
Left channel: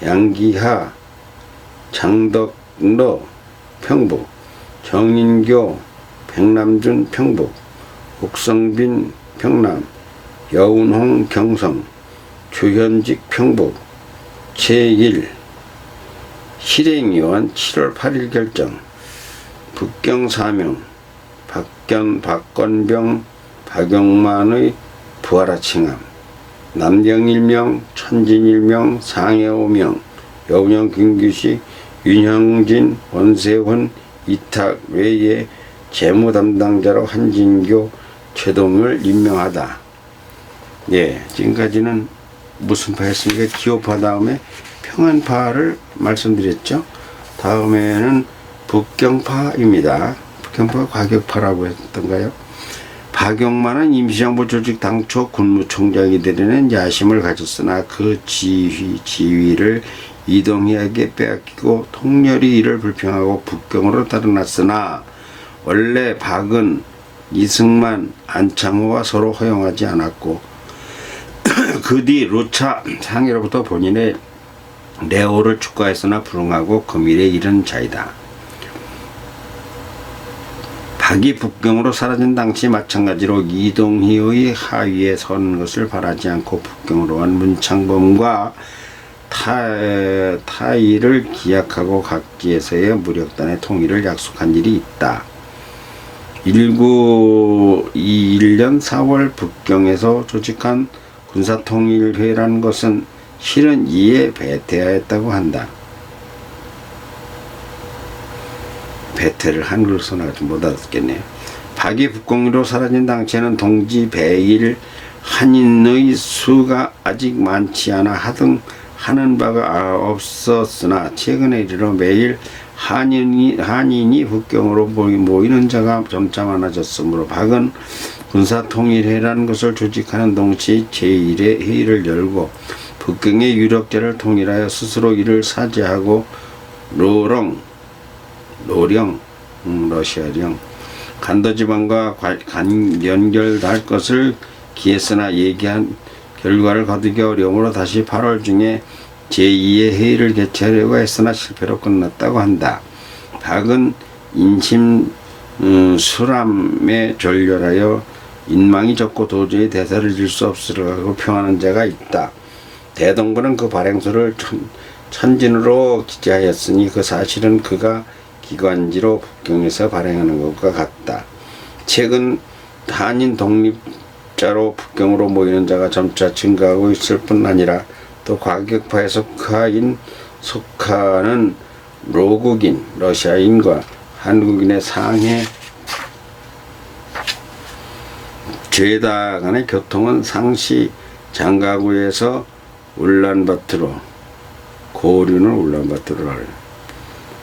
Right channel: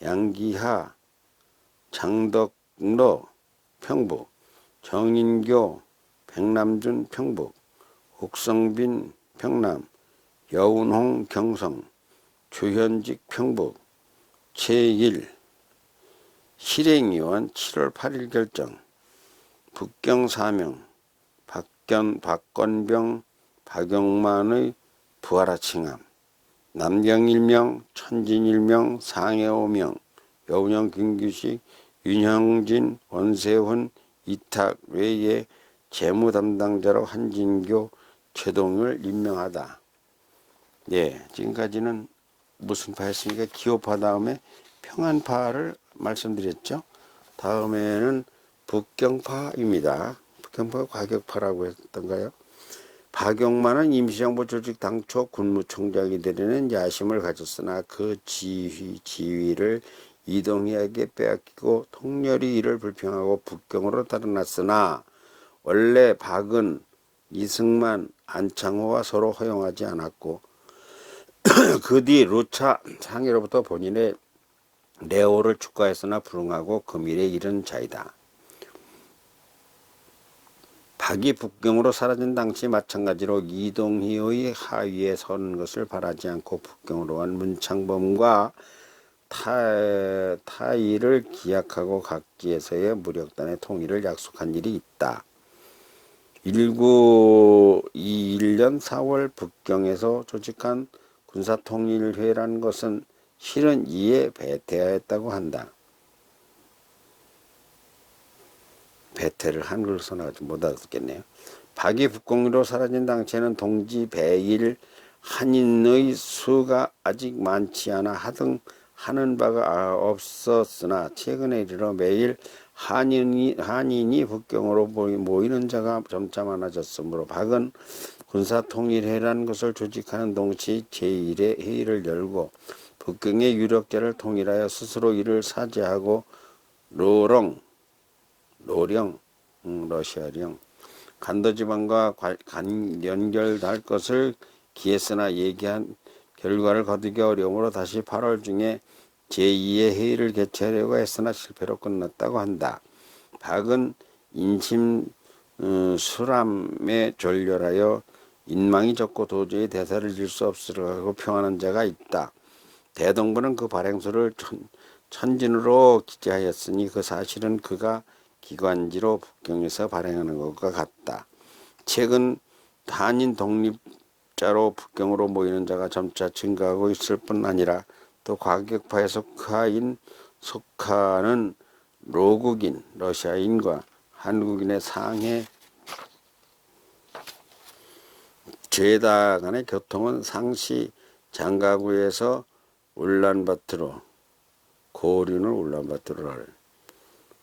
양기하 장덕로 평북, 정인교 백남준 평북, 옥성빈 평남, 여운홍 경성, 조현직 평북. 제1 실행위원 7월 8일 결정. 북경 4명, 박건병, 박영만의 부하라 칭함. 남경 1명, 천진 1명, 상해 5명, 여운형 김규식, 윤형진, 원세훈, 이탁 외에 재무 담당자로 한진교, 최동을 임명하다. 예, 지금까지는 무슨 파였습니까? 기호파 다음에 평안파를 말씀드렸죠. 다음에는 북경파입니다. 북경파가 과격파라고 했던가요? 박용만은 임시정부 조직 당초 군무총장이 되려는 야심을 가졌으나 그 지위를 이동희에게 빼앗기고 통렬히 이를 불평하고 북경으로 달아났으나 원래 박은 이승만, 안창호와 서로 허용하지 않았고 그 뒤 루차 상해로부터 본인의 레오를 축구했으나 불응하고 금일에 이른 자이다. 박이 북경으로 사라진 당시 마찬가지로 이동희의 하위에 선 것을 바라지 않고 북경으로 간 문창범과 타이를 기약하고 각지에서의 무력단의 통일을 약속한 일이 있다. 1921년 4월 북경에서 조직한 군사통일회라는 것은 실은 이에 배태하였다고 한다. 배태를 한글로 써놔가지고 못 알아듣겠네요. 박이 북경으로 사라진 당시에는 동지 배일 한인의 수가 아직 많지 않아 하는 바가 없었으나 최근에 이르러 매일 한인이 북경으로 모이는 자가 점차 많아졌으므로 박은 군사통일회라는 것을 조직하는 동시에 제1회 회의를 열고 북경의 유력자를 통일하여 스스로 이를 사죄하고 러시아령 간도지방과 연결할 것을 기했으나 얘기한 결과를 거두기 어려움으로 다시 8월 중에 제2의 회의를 개최하려고 했으나 실패로 끝났다고 한다. 박은 인심 수람에 졸렬하여 인망이 적고 도저히 대사를 질 수 없으라고 평하는 자가 있다. 대동부는 그 발행소를 천진으로 기재하였으니 그 사실은 그가 기관지로 북경에서 발행하는 것과 같다. 최근 한인 독립자로 북경으로 모이는 자가 점차 증가하고 있을 뿐 아니라 또 과격파에 속하는 로국인, 러시아인과 한국인의 상해 죄다 간의 교통은 상시 장가구에서 울란바토르, 고류는 울란바토르를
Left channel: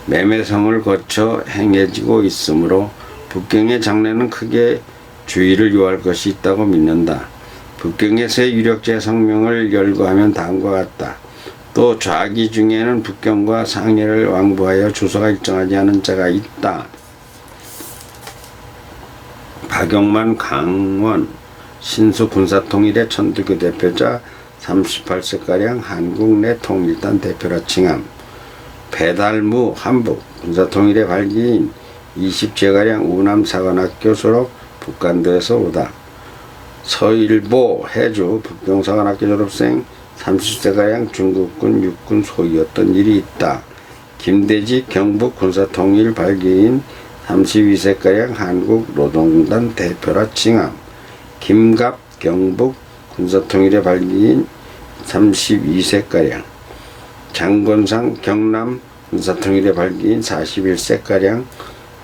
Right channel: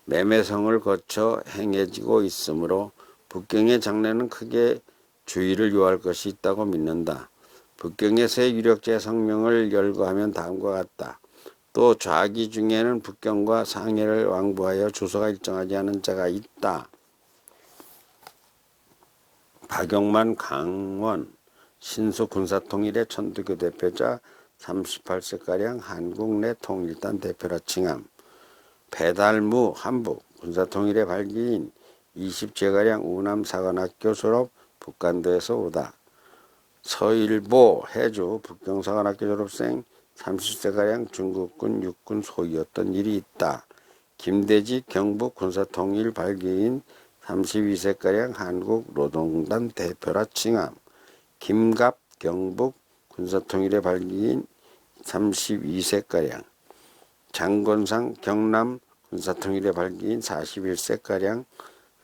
매매성을 거쳐 행해지고 있으므로 북경의 장래는 크게 주의를 요할 것이 있다고 믿는다. 북경에서의 유력자의 성명을 열거하면 다음과 같다. 또 좌기 중에는 북경과 상해를 왕부하여 주소가 일정하지 않은 자가 있다. 박용만, 강원, 신수 군사통일의 천두교 대표자 38세가량 한국 내 통일단 대표라 칭함. 배달무 한북 군사통일의 발기인 20제가량 우남사관학교 졸업 북간도에서 오다. 서일보 해주 북경사관학교 졸업생 30세가량 중국군 육군 소위였던 일이 있다. 김대직 경북 군사통일 발기인 32세가량 한국노동단 대표라 칭함. 김갑 경북 군사통일의 발기인 32세가량. 장건상 경남 군사통일의 발기인 41세가량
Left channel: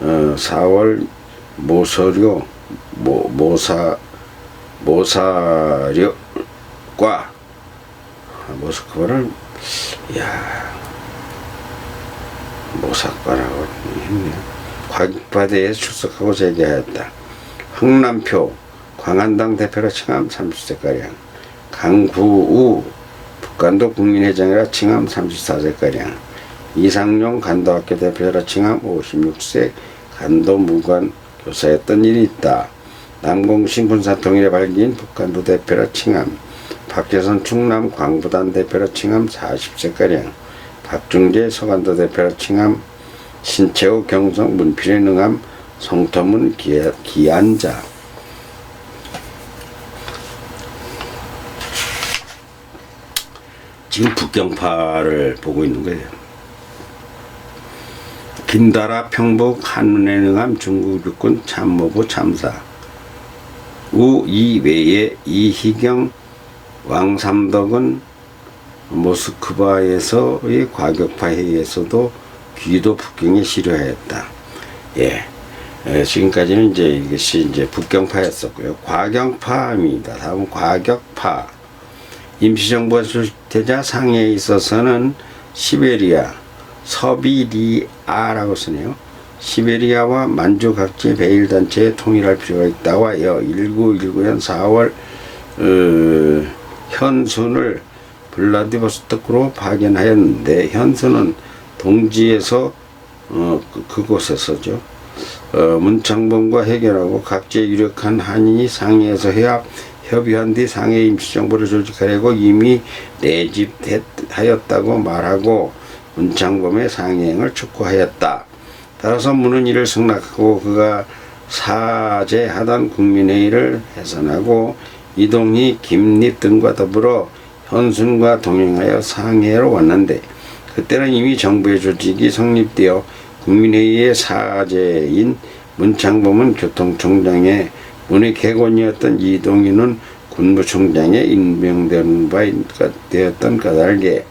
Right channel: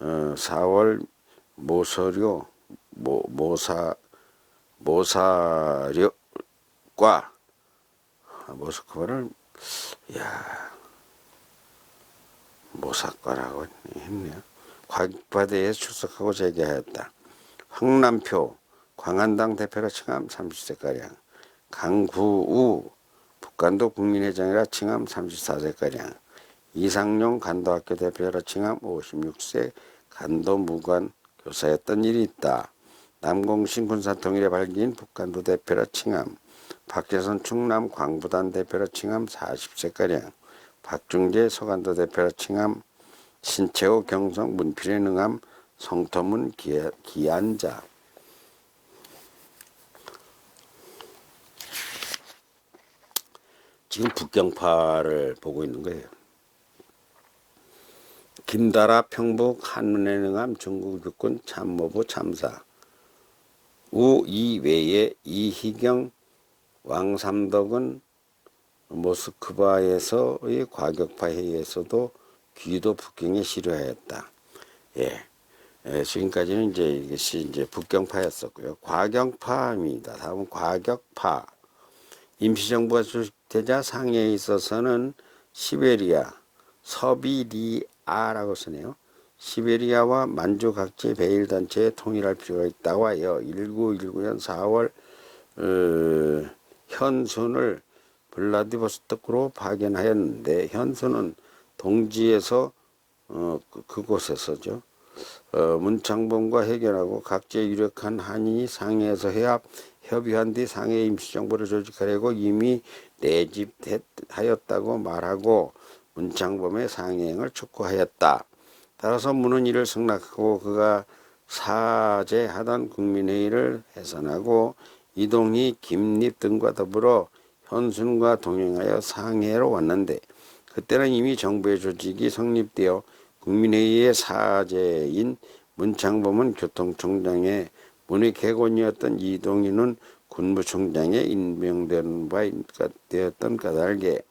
4월 모사력과 모스크바를 모사과라고 했네요. 과격파대에 출석하고 제기하였다. 흥남표 광안당 대표라 칭함 30세가량. 강구우 북간도 국민회장이라 칭함 34세가량. 이상용 간도학교 대표라 칭함 56세 간도 무관 교사였던 일이 있다. 남공신 군사통일의 발기인 북간도 대표라 칭함. 박재선 충남 광부단 대표라 칭함 40세가량. 박중재 서간도 대표라 칭함. 신채호 경성 문필의 능함 성터문 기안자. 지금 북경파를 보고 있는 거예요. 김다라 평북 한문의 능함 중국 육군 참모부 참사. 이외에 이희경 왕삼덕은 모스크바에서의 과격파 회의에서도 귀도 북경에 실효하였다. 예, 지금까지는 이제 이것이 이제 북경파였었고요. 과경파입니다. 다음 과격파. 임시정부가 수립되자 상해에 있어서는 시베리아, 서비리아라고 쓰네요. 시베리아와 만주 각지의 베일단체에 통일할 필요가 있다고 하여 1919년 4월 현순을 블라디보스토크로 파견하였는데, 현순은 동지에서 그곳에서죠. 문창범과 해결하고 각지의 유력한 한인이 상해에서 협의한 뒤 상해 임시정부를 조직하려고 이미 내집하였다고 말하고 문창범의 상해행을 촉구하였다. 따라서 문은 이를 승낙하고 그가 사제하던 국민회의를 해산하고 이동희, 김립 등과 더불어 현순과 동행하여 상해로 왔는데, 그때는 이미 정부의 조직이 성립되어 국민회의의 사제인 문창범은 교통총장에, 문의 객원이었던 이동희는 군부총장에 임명된 바 되었던 까닭에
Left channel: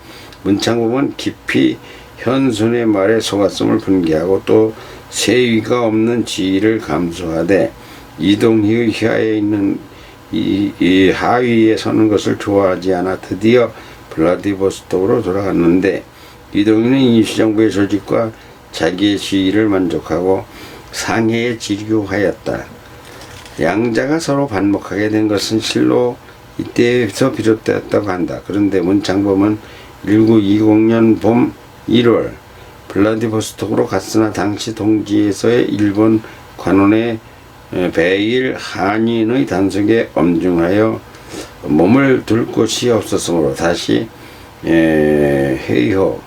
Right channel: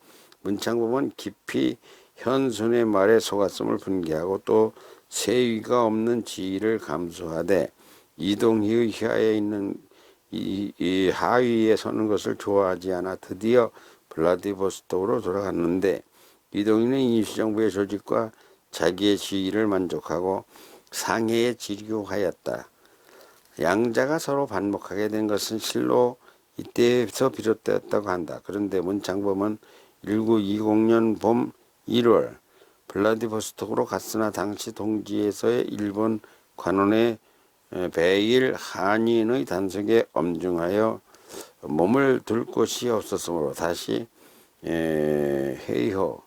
문창범은 깊이 현순의 말에 속았음을 분개하고 또 세위가 없는 지위를 감수하되 이동희의 혀에 있는 이 하위에 서는 것을 좋아하지 않아 드디어 블라디보스토크로 돌아갔는데, 이동희는 임시정부의 조직과 자기의 지위를 만족하고 상해에 지류하였다. 양자가 서로 반목하게 된 것은 실로 이때에서 비롯되었다고 한다. 그런데 문창범은 1920년 봄 1월 블라디보스토크로 갔으나 당시 동지에서의 일본 관원의 베일 한인의 단속에 엄중하여 몸을 둘 곳이 없었으므로 다시 헤이호,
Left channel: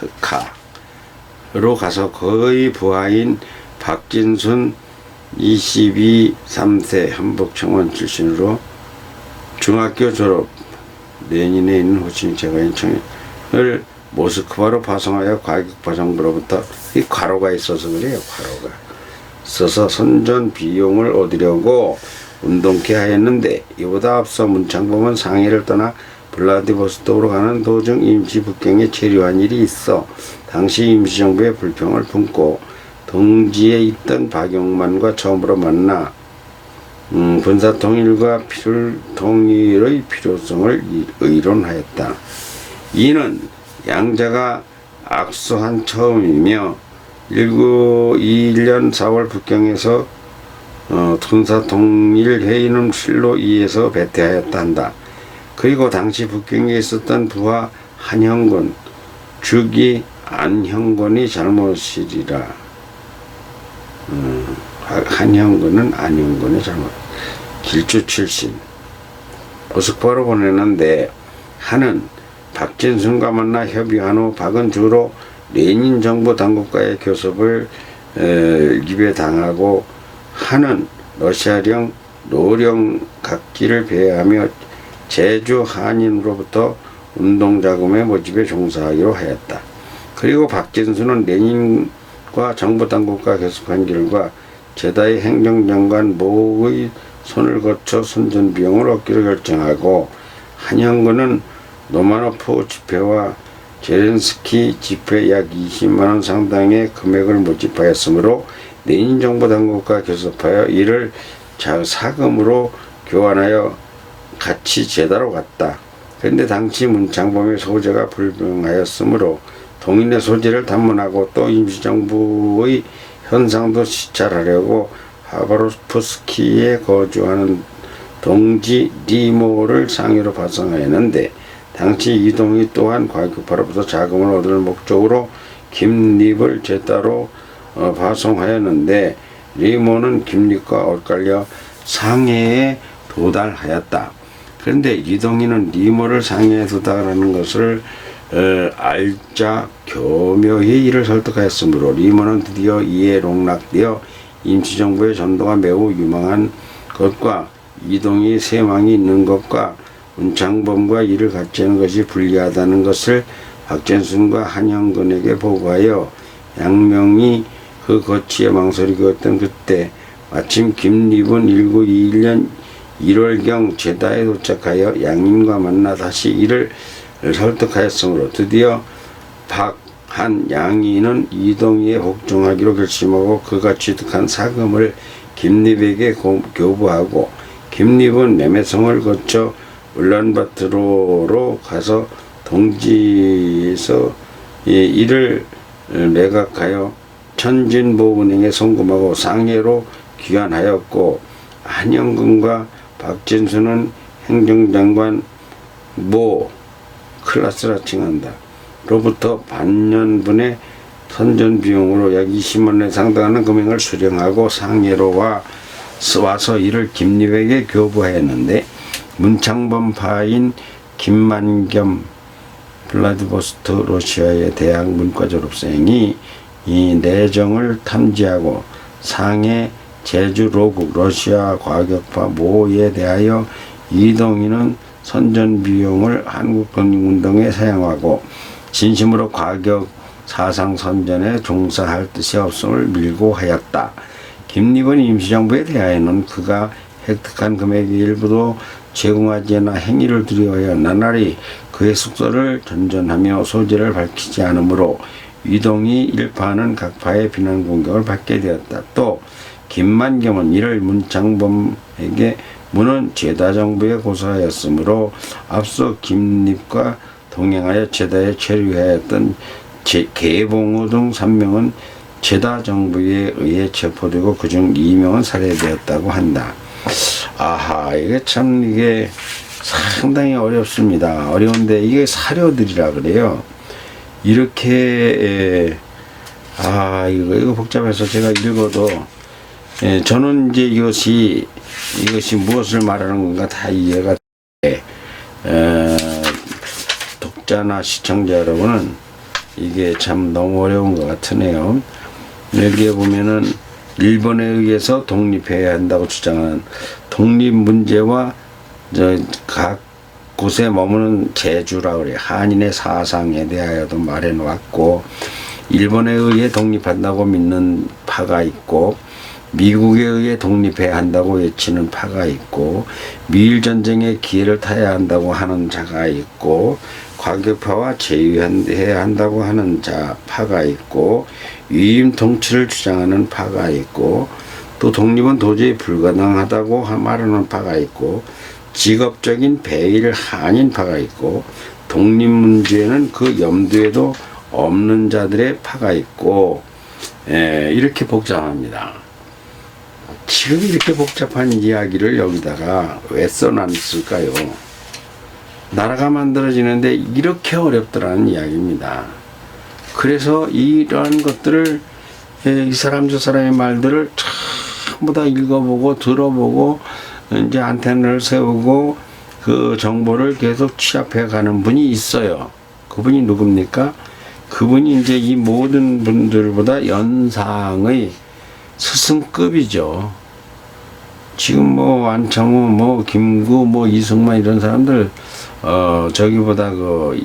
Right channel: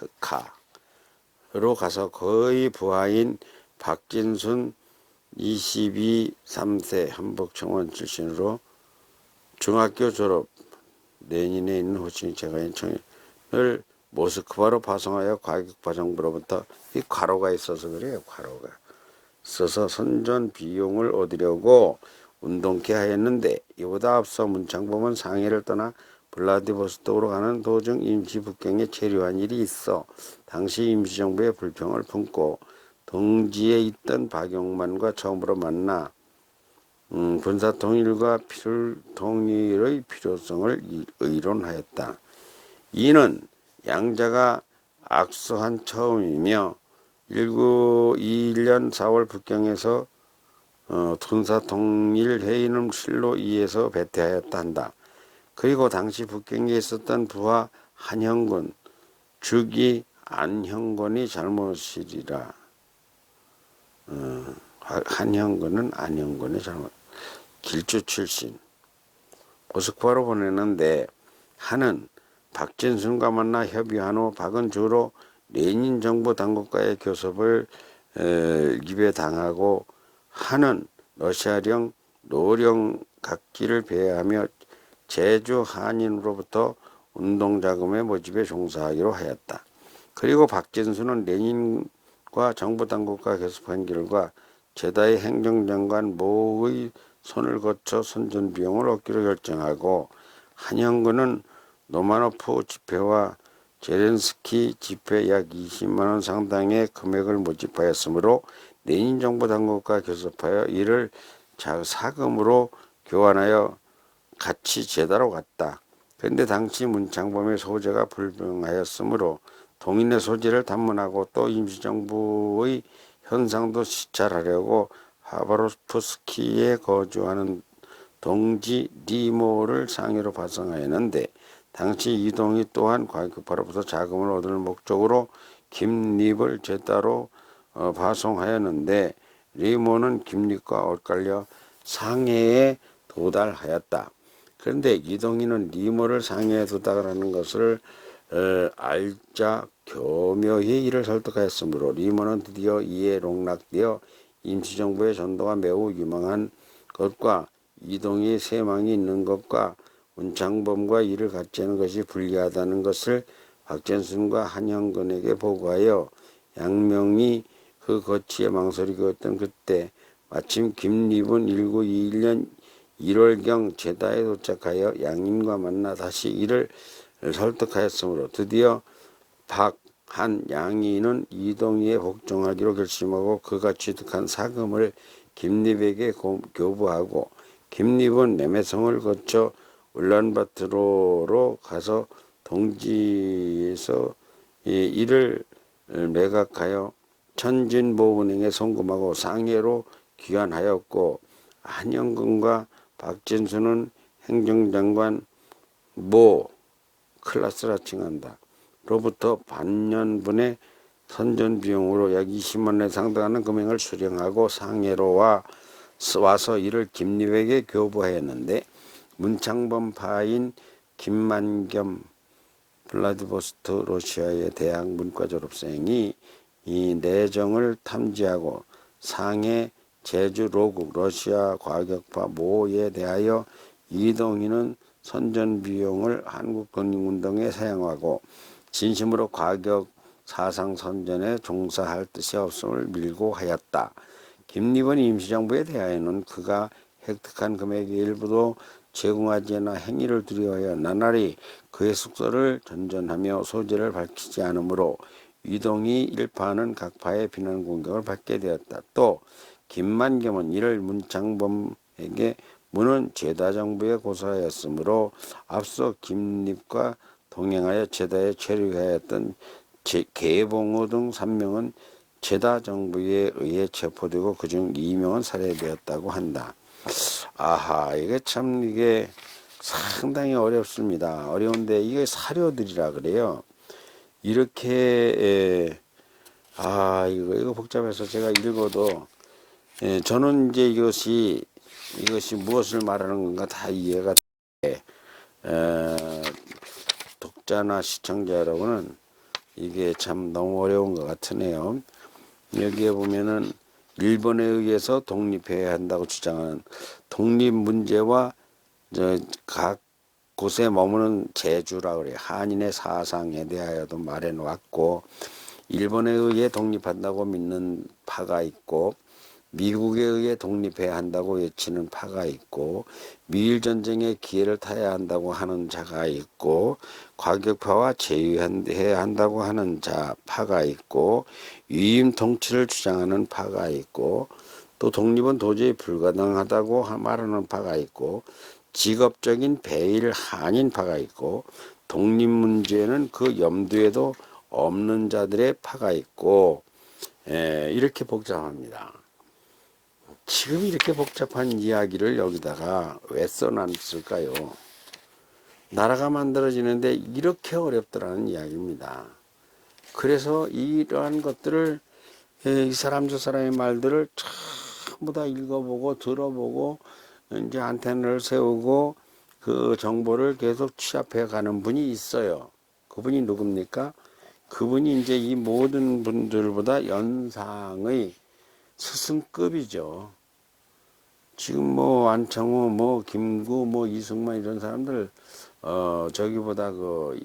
흑카로 가서 거의 부하인 박진순 23세 한복청원 출신으로 중학교 졸업, 레닌에 있는 호치민 제과인 청년을 모스크바로 파송하여 과격파 정부로부터, 이 과로가 있어서 그래요. 과로가 있어서 선전 비용을 얻으려고 운동케 하였는데, 이보다 앞서 문창범은 상해를 떠나 블라디보스토크로 가는 도중 임시 북경에 체류한 일이 있어 당시 임시정부의 불평을 품고 동지에 있던 박용만과 처음으로 만나 군사통일과 필통일의 필요성을 의론하였다. 이는 양자가 악수한 처음이며 1921년 4월 북경에서 군사통일회의는 실로 이에서 배퇴하였다 한다. 그리고 당시 북경에 있었던 부하 한형군, 즉이 안형군이 잘못이리라. 한형군은 안형군의 잘못. 길주 출신. 모스크바로 보내는데, 한은 박진순과 만나 협의한 후 박은 주로 레닌 정부 당국과의 교섭을 입에 당하고, 한은 러시아령 노령 각기를 배회하며 제주 한인으로부터 운동자금의 모집에 종사하기로 하였다. 그리고 박진수는 레닌과 정부 당국과 교섭한 결과 제다의 행정장관 모의 손을 거쳐 선전 비용을 얻기로 결정하고, 한영근은 노마노프 집회와 제렌스키 집회 약 20만원 상당의 금액을 모집하였으므로 레닌 정부 당국과 교섭하여 이를 사금으로 교환하여 같이 제다로 갔다. 그런데 당시 문창범의 소재가 불명하였으므로 동인의 소재를 단문하고 또 임시정부의 현상도 시찰하려고 하바롭스키에 거주하는 동지 리모를 상위로 파송하였는데, 당시 이동희 또한 과격파로부터 자금을 얻을 목적으로 김립을 제다로 파송하였는데, 리모는 김립과 엇갈려 상해에 도달하였다. 그런데 이동희는 리모를 상해에 도달하는 것을 알자 교묘히 이를 설득하였으므로 리모는 드디어 이에 농락되어 임시정부의 전도가 매우 유망한 것과 이동희 세망이 있는 것과 문창범과 이를 같이 하는 것이 불리하다는 것을 박진순과 한영근에게 보고하여 양명이 그 거치에 망설이고 있던 그때 마침 김립은 1921년 1월경 제다에 도착하여 양인과 만나 다시 이를 설득하였으므로 드디어 한 양이는 이동희에 복종하기로 결심하고 그가 취득한 사금을 김립에게 교부하고 김립은 매매성을 거쳐 울란바토르로 가서 동지에서 이를 매각하여 천진보은행에 송금하고 상해로 귀환하였고 한영근과 박진수는 행정장관 모 클라스라 칭한다. 로부터 반년분의 선전 비용으로 약 20만원에 상당하는 금액을 수령하고 상해로 와서 이를 김립에게 교부하였는데 문창범파인 김만겸 블라디보스토크 러시아의 대학 문과 졸업생이 이 내정을 탐지하고 상해 제주 로국 러시아 과격파 모에 대하여 이동희는 선전 비용을 한국 독립운동에 사용하고 진심으로 과격 사상 선전에 종사할 뜻이 없음을 밀고 하였다. 김립은 임시정부에 대하여는 그가 획득한 금액의 일부도 제공하지 않아 행위를 두려워하여 나날이 그의 숙소를 전전하며 소재를 밝히지 않으므로 이동희 일파는 각 파의 비난 공격을 받게 되었다. 또 김만겸은 이를 문창범에게 문은 제다정부에 고소하였으므로 앞서 김립과 동행하여 제다에 체류하였던 개봉호 등 3명은 제다정부에 의해 체포되고 그중 2명은 살해되었다고 한다. 아하, 이게 참 이게 상당히 어렵습니다. 어려운데 이게 사료들이라 그래요. 이렇게 이거 복잡해서 제가 읽어도 저는 이제 이것이 무엇을 말하는 건가 다 이해가 돼. 독자나 시청자 여러분은 이게 참 너무 어려운 것 같으네요. 여기에 보면은 일본에 의해서 독립해야 한다고 주장하는 독립 문제와 각 곳에 머무는 제주라 그래요. 한인의 사상에 대하여도 말해 놓았고 일본에 의해 독립한다고 믿는 파가 있고 미국에 의해 독립해야 한다고 외치는 파가 있고 미일 전쟁의 기회를 타야 한다고 하는 자가 있고 과격파와 제휴해야 한다고 하는 파가 있고 위임 통치를 주장하는 파가 있고 또 독립은 도저히 불가능하다고 말하는 파가 있고 직업적인 배일 한인 파가 있고 독립 문제는 그 염두에도 없는 자들의 파가 있고 이렇게 복잡합니다. 지금 이렇게 복잡한 이야기를 여기다가 왜 써놨을까요? 나라가 만들어지는데 이렇게 어렵더라는 이야기입니다. 그래서 이러한 것들을 이 사람 저 사람의 말들을 전부 다 읽어보고 들어보고 이제 안테나를 세우고 그 정보를 계속 취합해 가는 분이 있어요. 그분이 누굽니까? 그분이 이제 이 모든 분들보다 연상의 스승급이죠. 지금 뭐 안창호, 뭐 김구, 뭐 이승만 이런 사람들 저기보다 그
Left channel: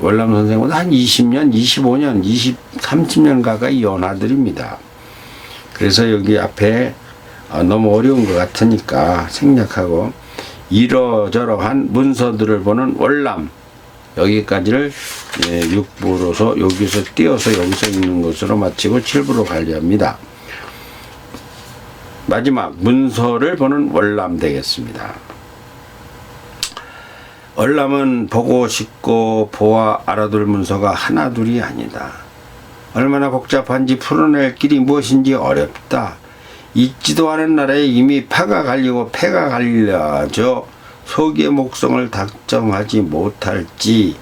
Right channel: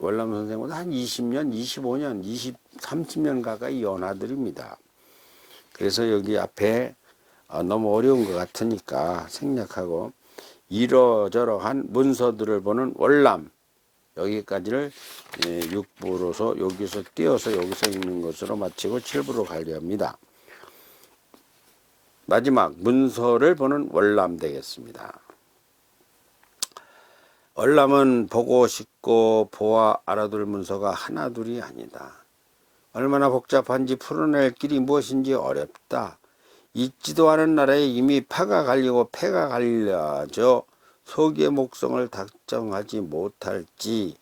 월남 선생보다 한 20년, 25년, 30년 가까이 연하들입니다. 그래서 여기 앞에 너무 어려운 것 같으니까 생략하고 이러저러한 문서들을 보는 월남 여기까지를 6부로서 여기서 띄어서 여기서 읽는 것으로 마치고 7부로 관리합니다. 마지막 문서를 보는 월남 되겠습니다. 월남은 보고 싶고 보아 알아둘 문서가 하나둘이 아니다. 얼마나 복잡한지 풀어낼 길이 무엇인지 어렵다. 있지도 않은 나라에 이미 파가 갈리고 패가 갈려져 소기의 목성을 dak점하지 못할지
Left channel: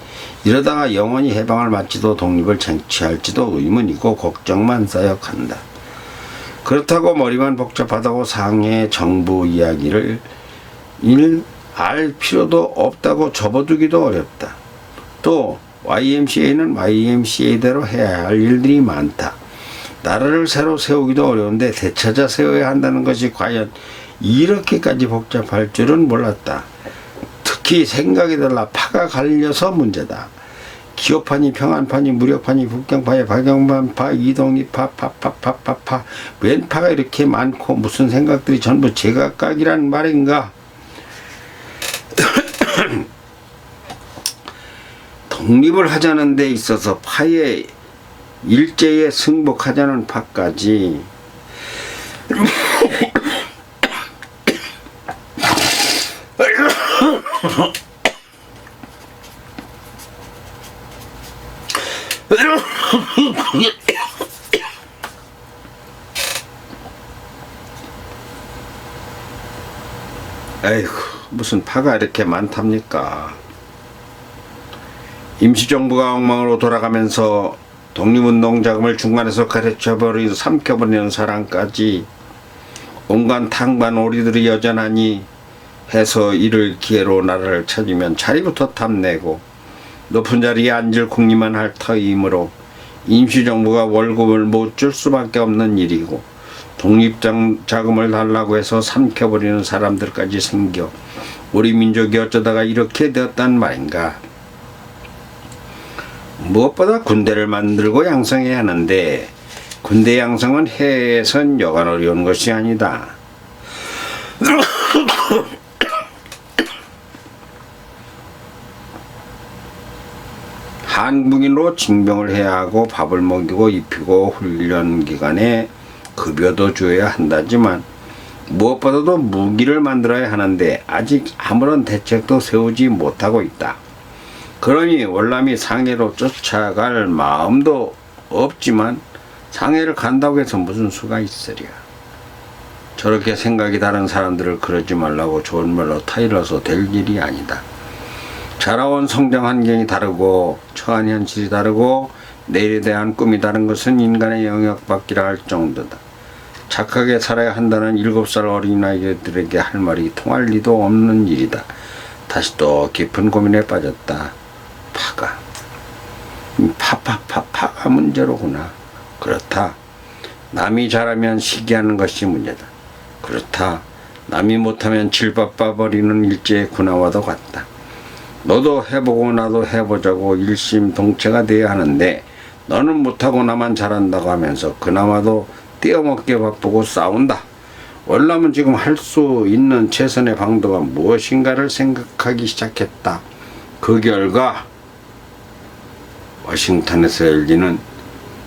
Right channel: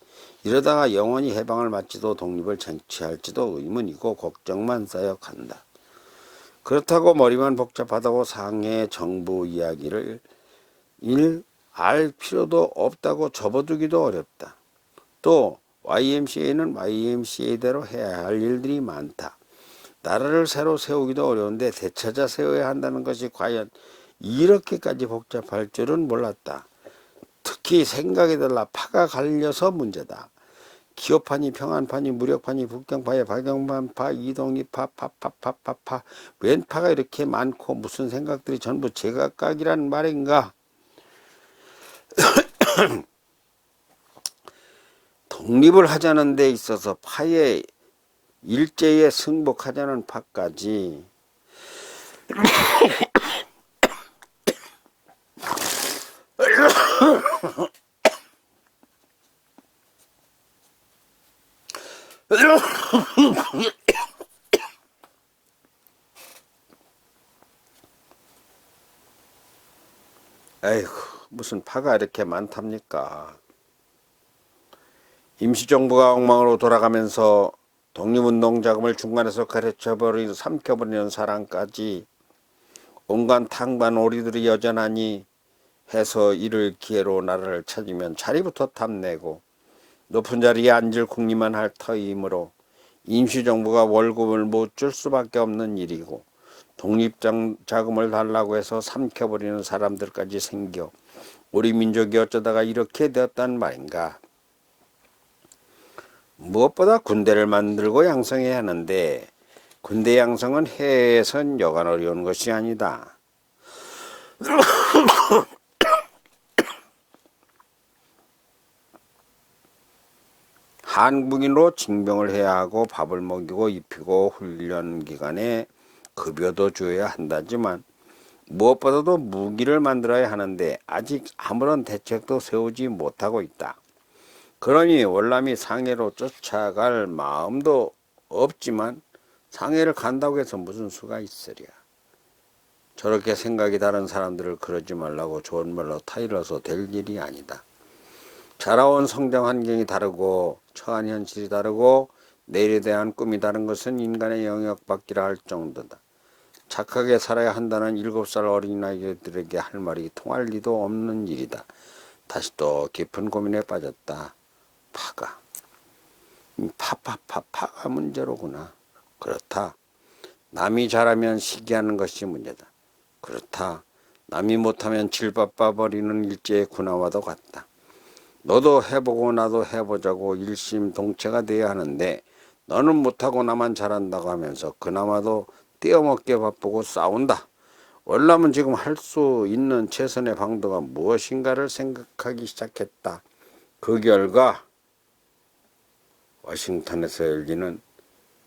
이러다가 영원히 해방을 마치도 독립을 쟁취할지도 의문이고 걱정만 쌓여간다. 그렇다고 머리만 복잡하다고 상해 정부 이야기를 알 필요도 없다고 접어두기도 어렵다. 또 YMCA는 YMCA대로 해야 할 일들이 많다. 나라를 새로 세우기도 어려운데 되찾아 세워야 한다는 것이 과연 이렇게까지 복잡할 줄은 몰랐다. 특히 생각이 달라 파가 갈려서 문제다. 기업파니 평안파니 무력파니 북경파에 박영반파 이동희파 파파파파파 웬 파가 이렇게 많고 무슨 생각들이 전부 제각각이란 말인가. 독립을 하자는 데 있어서 파의 일제에 승복하자는 파까지 에이구, 무슨 파가 이렇게 많답니까? 임시정부가 엉망으로 돌아가면서 독립운동 자금을 중간에서 가르쳐버린 삼켜버리는 사람까지 온갖 탕반 오리들이 여전하니 해서 이를 기회로 나라를 찾으면 자리부터 탐내고 높은 자리에 앉을 궁리만 할 터이므로 임시정부가 월급을 못 줄 수밖에 없는 일이고 독립자금을 달라고 해서 삼켜버리는 사람들까지 생겨 우리 민족이 어쩌다가 이렇게 되었단 말인가. 무엇보다 군대를 만들고 양성해야 하는데 군대 양성은 해외에선 여간 어려운 것이 아니다. 한국인으로 징병을 해야 하고 밥을 먹이고 입히고 훈련 기간에 급여도 줘야 한다지만 무엇보다도 무기를 만들어야 하는데 아직 아무런 대책도 세우지 못하고 있다. 그러니 월남이 상해로 쫓아갈 마음도 없지만 상해를 간다고 해서 무슨 수가 있으랴. 저렇게 생각이 다른 사람들을 그러지 말라고 좋은 말로 타일러서 될 일이 아니다. 자라온 성장 환경이 다르고 처한 현실이 다르고 내일에 대한 꿈이 다른 것은 인간의 영역 밖이라 할 정도다. 착하게 살아야 한다는 7살 어린아이들에게 할 말이 통할 리도 없는 일이다. 다시 또 깊은 고민에 빠졌다. 파가 파가 문제로구나. 그렇다. 남이 잘하면 시기하는 것이 문제다. 그렇다. 남이 못하면 질바빠버리는 일제의 군화와도 같다. 너도 해보고 나도 해보자고 일심동체가 돼야 하는데 너는 못하고 나만 잘한다고 하면서 그나마도 떼어먹게 바쁘고 싸운다. 월남은 지금 할 수 있는 최선의 방도가 무엇인가를 생각하기 시작했다. 그 결과 워싱턴에서 열리는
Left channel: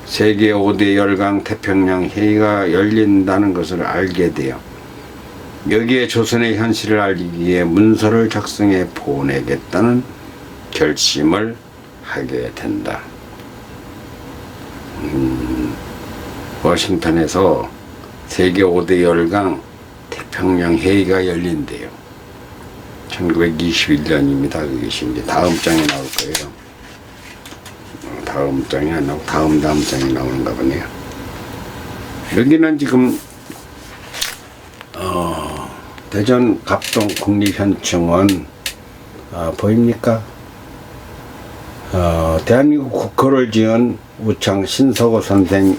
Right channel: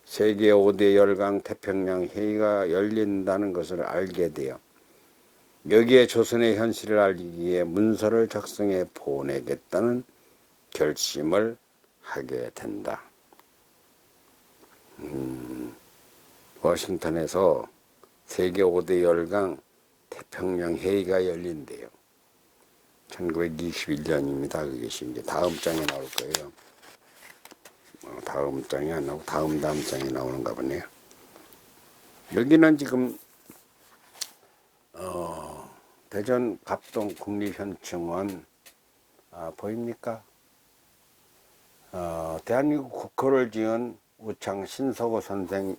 세계 5대 열강 태평양 회의가 열린다는 것을 알게 되어 여기에 조선의 현실을 알리기 위해 문서를 작성해 보내겠다는 결심을 하게 된다. 워싱턴에서 세계 5대 열강 태평양 회의가 열린대요. 1921년입니다. 그것이 이제 다음 장에 나올 거예요. 다음 장이 안 나오고 다음 장이 나오는가 보네요. 여기는 지금 대전 갑동 국립현충원 보입니까? 대한민국 국호를 지은 우창 신서고 선생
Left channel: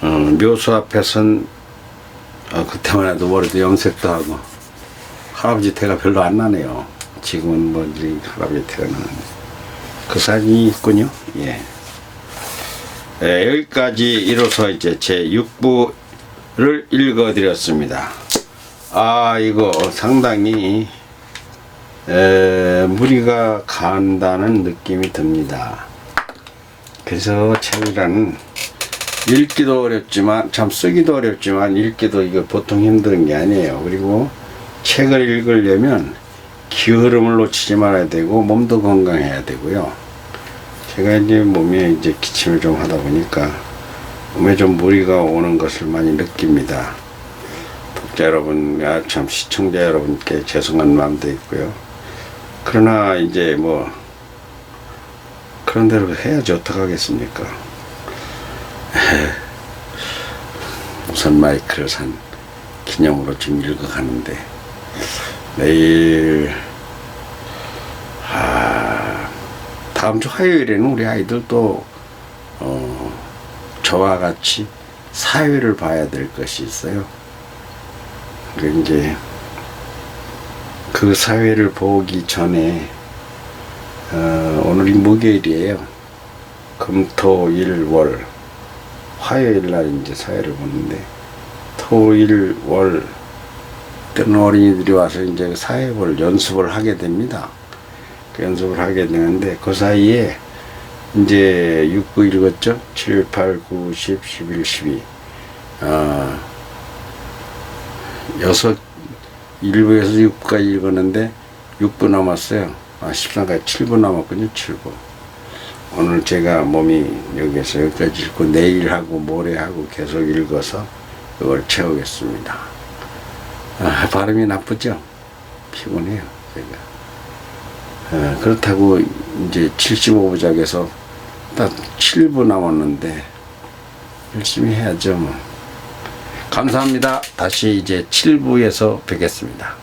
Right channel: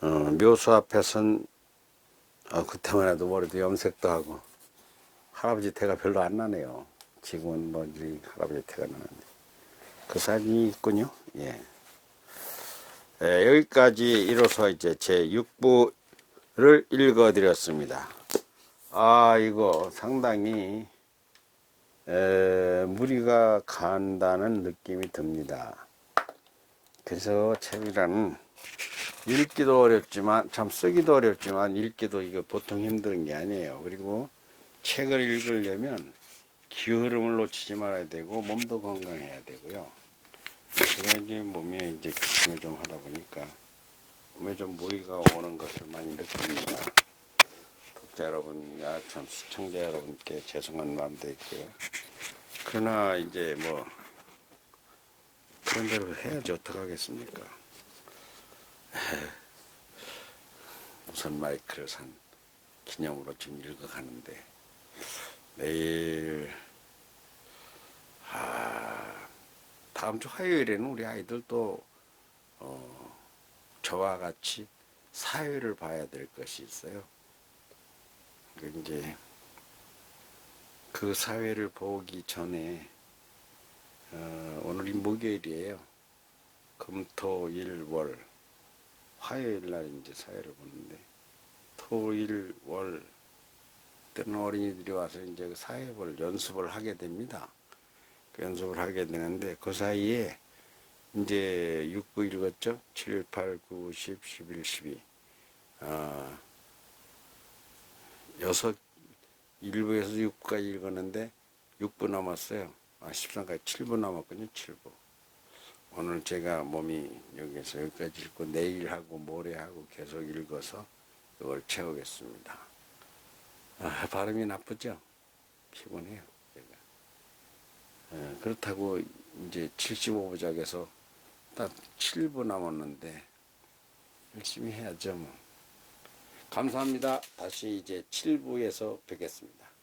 묘소 앞에선 그때만 해도 머리도 염색도 하고 할아버지 태가 별로 안 나네요. 지금은 뭐 할아버지 태가 나는데 그 사진이 있군요. 예. 여기까지 이로써 이제 제 6부를 읽어드렸습니다. 이거 상당히 무리가 간다는 느낌이 듭니다. 그래서 책이란 읽기도 어렵지만 참 쓰기도 어렵지만 읽기도 이거 보통 힘든 게 아니에요. 그리고 책을 읽으려면 기흐름을 놓치지 말아야 되고 몸도 건강해야 되고요. 제가 이제 몸에 이제 기침을 좀 하다 보니까 몸에 좀 무리가 오는 것을 많이 느낍니다. 독자 여러분, 참 시청자 여러분께 죄송한 마음도 있고요. 그러나 이제 뭐 그런 대로 해야지 어떡하겠습니까. 우선 마이크를 산 기념으로 지금 읽어가는데 내일 다음 주 화요일에는 우리 아이들 또 저와 같이 사회를 봐야 될 것이 있어요. 이제 그 사회를 보기 전에 오늘이 목요일이에요. 금, 토, 일, 월 화요일 날 이제 사회를 보는데 토, 일, 월 때는 어린이들이 와서 이제 사회 볼 연습을 하게 됩니다. 그 연습을 하게 되는데 그 사이에 이제 6, 9 읽었죠? 7, 8, 9, 10, 11, 12 6 1부에서 6부까지 읽었는데 6부 남았어요. 13까지 7부 남았거든요. 7부. 오늘 제가 몸이 여기서 여기까지 읽고 내일하고 모레하고 계속 읽어서 이걸 채우겠습니다. 발음이 나쁘죠? 피곤해요. 제가. 그렇다고 이제 75부작에서 딱 7부 남았는데 열심히 해야죠. 뭐. 감사합니다. 다시 이제 7부에서 뵙겠습니다.